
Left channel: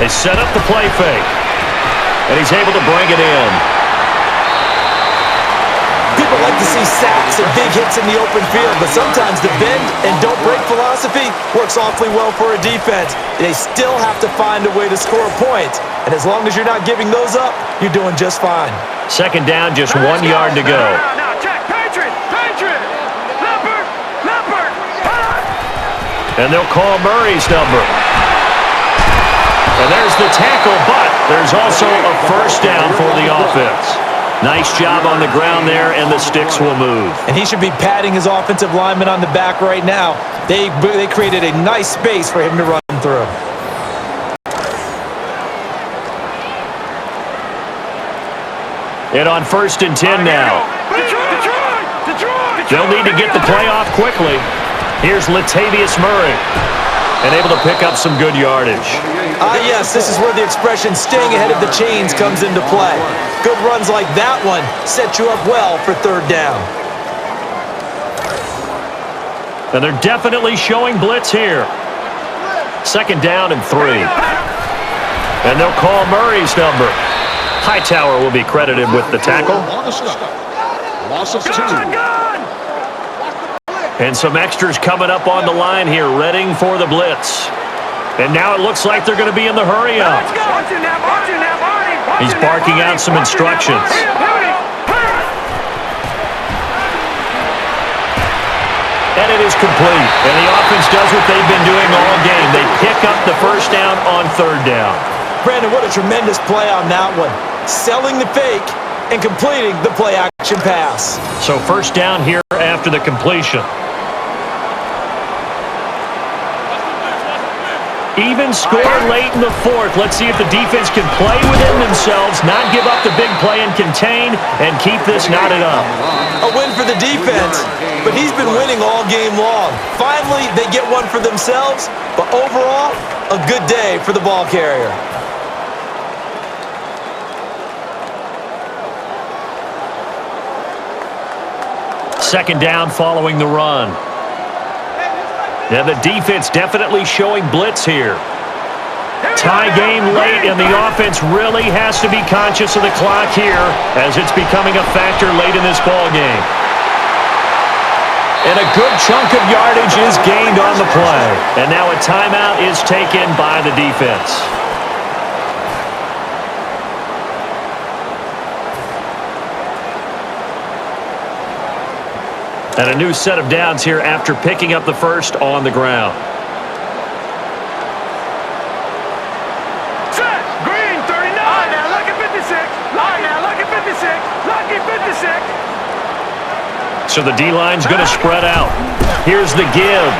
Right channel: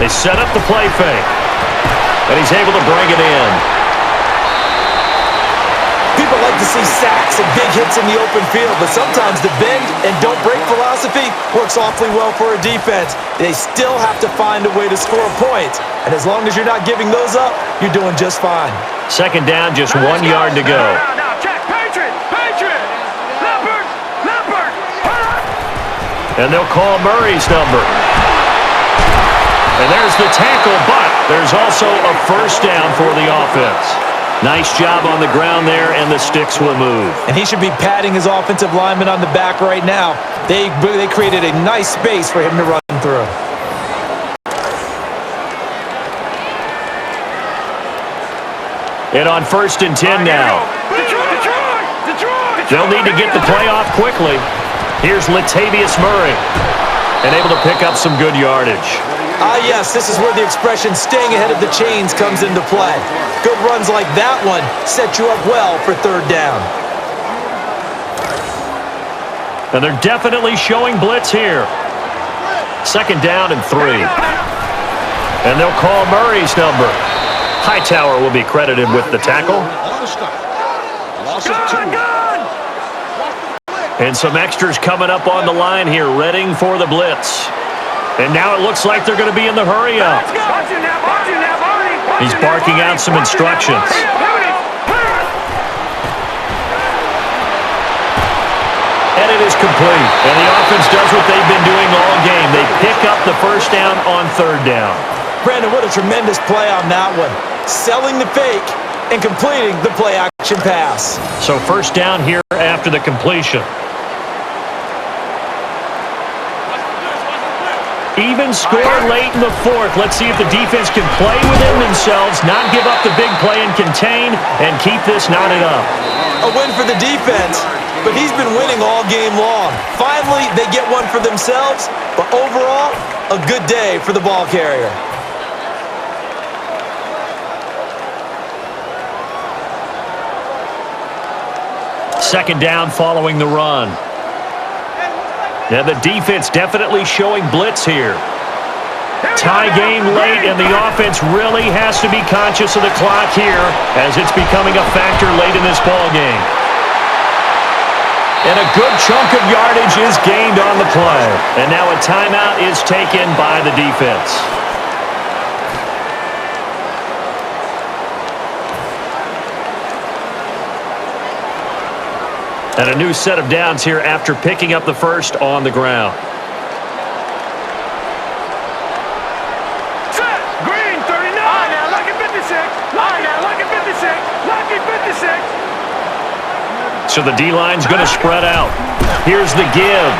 They set up the play fake. And he's able to bring it in. People like to see sacks and big hits in the open field, but sometimes the bend and don't break philosophy works awfully well for a defense. They still have to find a way to score points, and as long as you're not giving those up, you're doing just fine. Second down, just 1 yard to go. No. Check. Patriot. Leopard. And they'll call Murray's number. And there's the tackle, but there's also a first down for the offense. Nice job on the ground there, and the sticks will move. And he should be patting his offensive lineman on the back right now. They created a nice space for him to run through. And on 1st and 10 now. Detroit. They'll need to get the play off quickly. Here's Latavius Murray. And able to pick up some good yardage. Yes, this is where the expression staying ahead of the chains comes into play. Good runs like that one set you up well for third down. And they're definitely showing blitz here. Second down and 3. And they'll call Murray's number. Hightower will be credited with the tackle. Loss of 2. And some extras coming up on the line here, readying for the blitz. And now it looks like they're going to be in the hurry up. He's barking out some instructions. And it is complete. And the offense does what they've been doing all game. They pick up the first down on third down. Brandon, what a tremendous play on that one. Selling the fake and completing the play-action pass. So first down here after the completion. Even score late in the fourth. Let's see if the defense can play within themselves, not give up the big play and contain, and keep this knotted up. A win for the defense, but he's been winning all game long. Finally, they get one for themselves, but overall, a good day for the ball carrier. Second down following the run. And the defense definitely showing blitz here. Tie game late, and the offense really has to be conscious of the clock here as it's becoming a factor late in this ball game. And a good chunk of yardage is gained on the play. And now a timeout is taken by the defense. And a new set of downs here after picking up the first on the ground. Set! Green, 39! All right, now, lucky 56! All right, now, lucky 56! Lucky 56! So the D-line's going to spread out. Here's the give.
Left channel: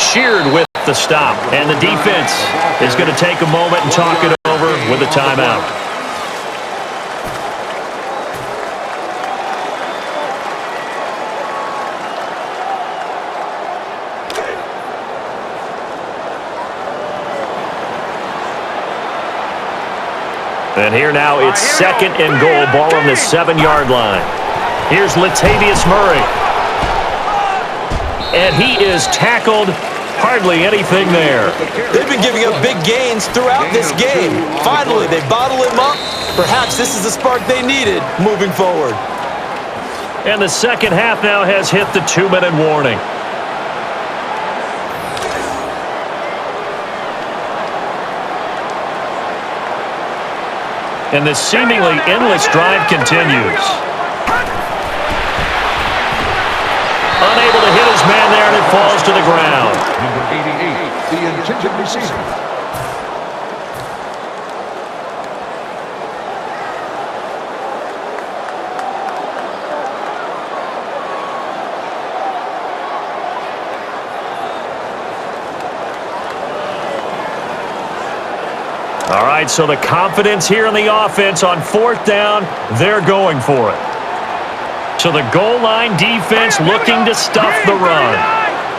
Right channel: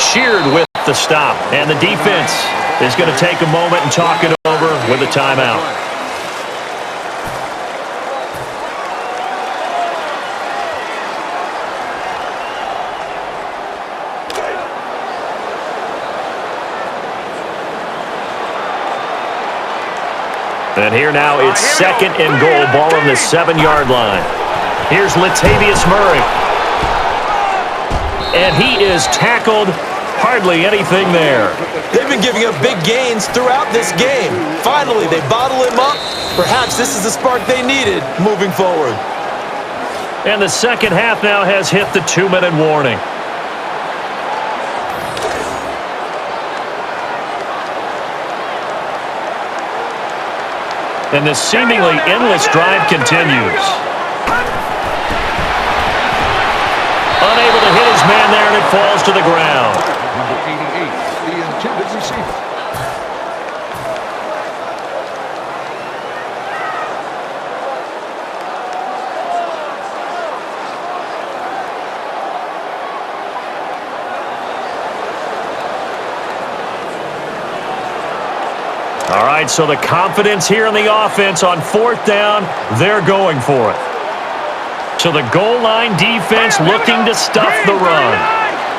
Sheared with the stop. And the defense is going to take a moment and talk it over with a timeout. And here now it's second and goal, ball on the 7-yard line. Here's Latavius Murray. And he is tackled. Hardly anything there. They've been giving up big gains throughout this game. Finally, they bottle him up. Perhaps this is the spark they needed moving forward. And the second half now has hit the 2-minute warning. And this seemingly endless drive continues. Unable to hit his man there, and it falls to the ground. Number 88, the intended receiver. All right, so the confidence here in the offense on fourth down, they're going for it. So the goal line defense looking to stuff the run.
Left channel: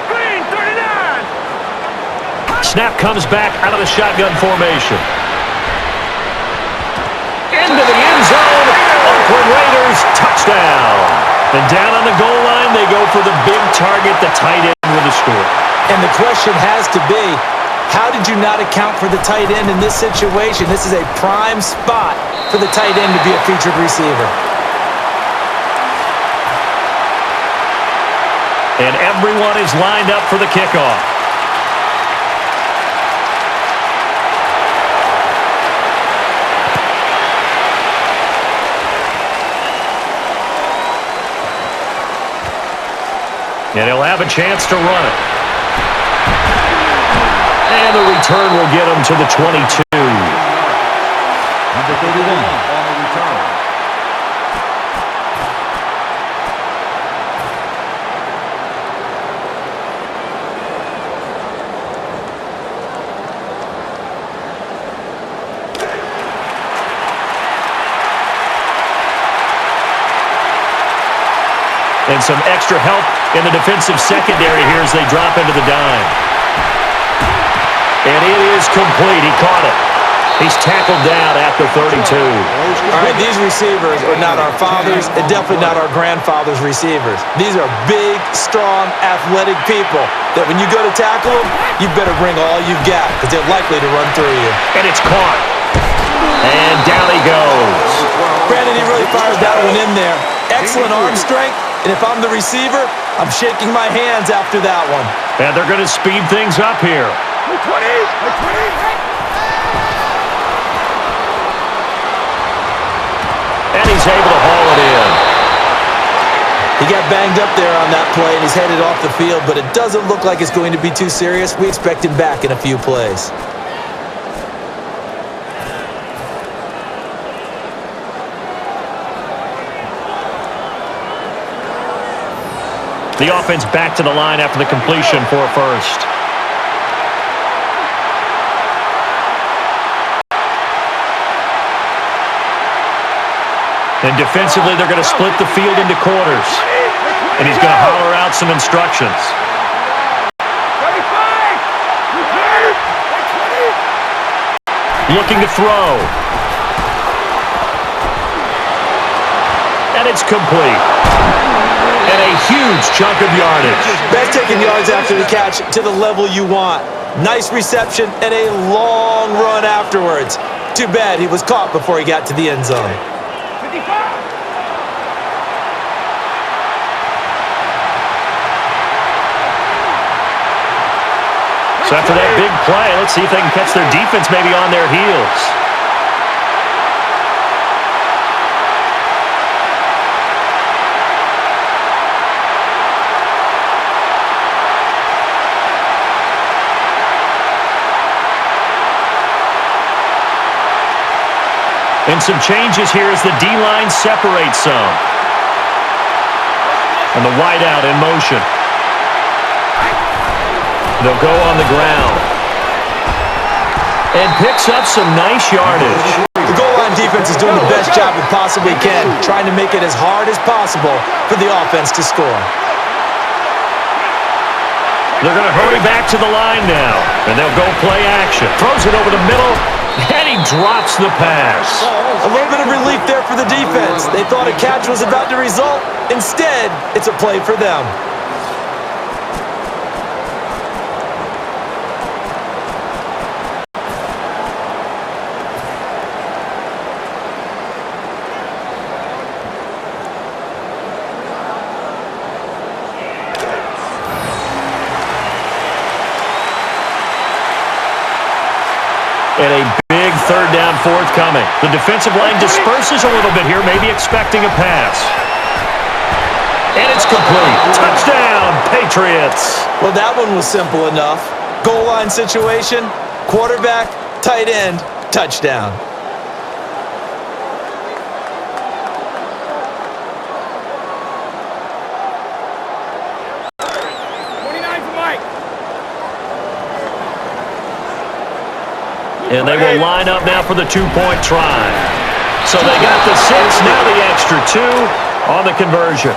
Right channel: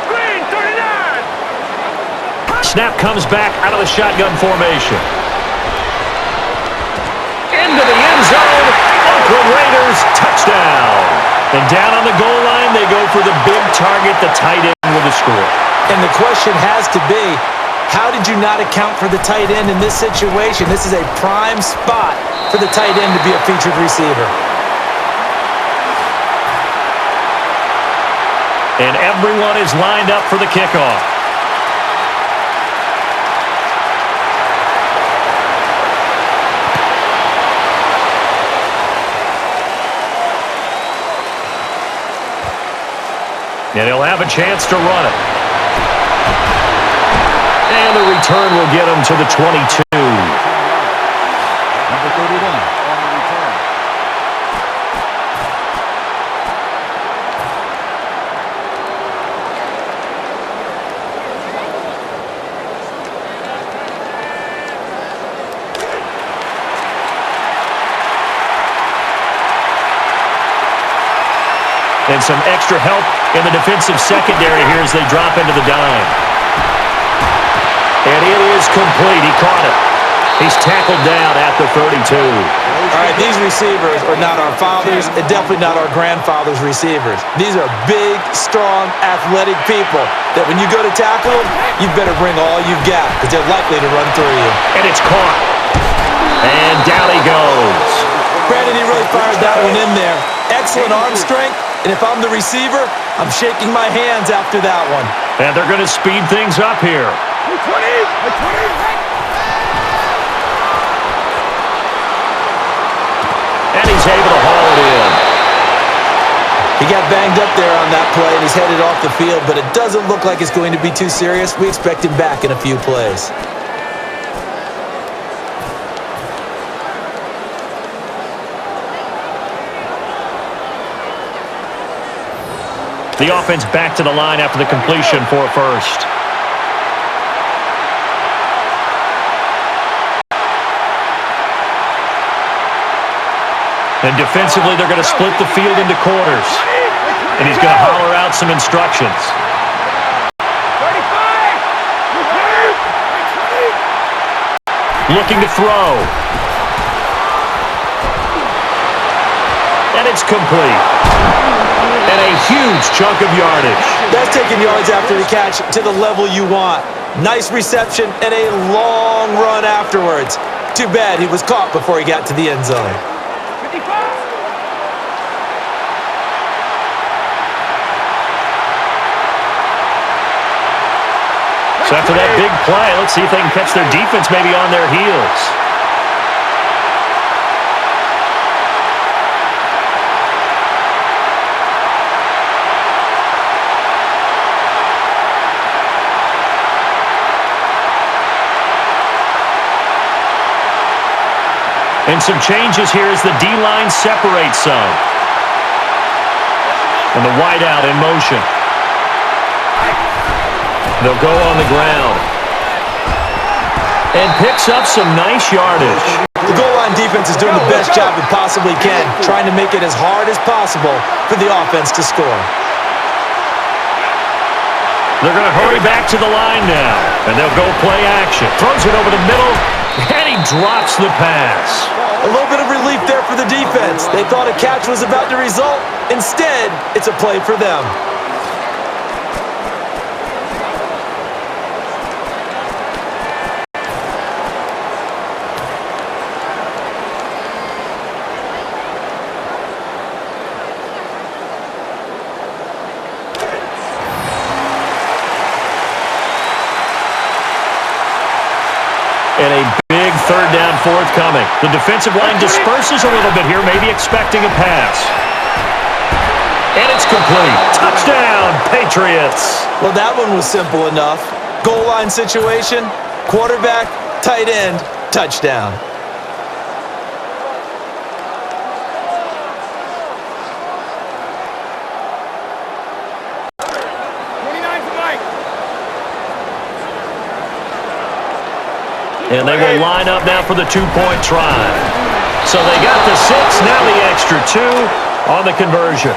Green, 39! Snap comes back out of the shotgun formation. Into the end zone. Oakland Raiders, touchdown. And down on the goal line, they go for the big target, the tight end with a score. And the question has to be, how did you not account for the tight end in this situation? This is a prime spot for the tight end to be a featured receiver. And everyone is lined up for the kickoff. And he'll have a chance to run it. And the return will get him to the 22. Number 31 on the return. And some extra help in the defensive secondary here as they drop into the dime. And it is complete. He caught it. He's tackled down at the 32. All right, these receivers are not our fathers and definitely not our grandfather's receivers. These are big, strong, athletic people that when you go to tackle them, you better bring all you've got because they're likely to run through you. And it's caught. And down he goes. Brandon, he really fired that one in there. Excellent arm strength, and if I'm the receiver, I'm shaking my hands after that one. And they're going to speed things up here. 20! And he's able to haul it in. He got banged up there on that play, and he's headed off the field, but it doesn't look like it's going to be too serious. We expect him back in a few plays. The offense back to the line after the completion for a first. And defensively, they're going to split the field into quarters. And he's going to holler out some instructions. 35! Looking to throw. And it's complete. And a huge chunk of yardage. That's taking yards after the catch to the level you want. Nice reception and a long run afterwards. Too bad he was caught before he got to the end zone. 55! So after that big play, let's see if they can catch their defense maybe on their heels. And some changes here as the D-line separates some. And the wideout in motion. They'll go on the ground. And picks up some nice yardage. The goal line defense is doing the best job it possibly can, trying to make it as hard as possible for the offense to score. They're going to hurry back to the line now. And they'll go play action. Throws it over the middle, and he drops the pass. A little bit of relief there for the defense. They thought a catch was about to result. Instead, it's a play for them. And a big third down forthcoming. The defensive line disperses a little bit here, maybe expecting a pass. And it's complete. Touchdown, Patriots. Well, that one was simple enough. Goal line situation, quarterback, tight end, touchdown. And they will line up now for the two-point try. So they got the 6, now the extra 2 on the conversion.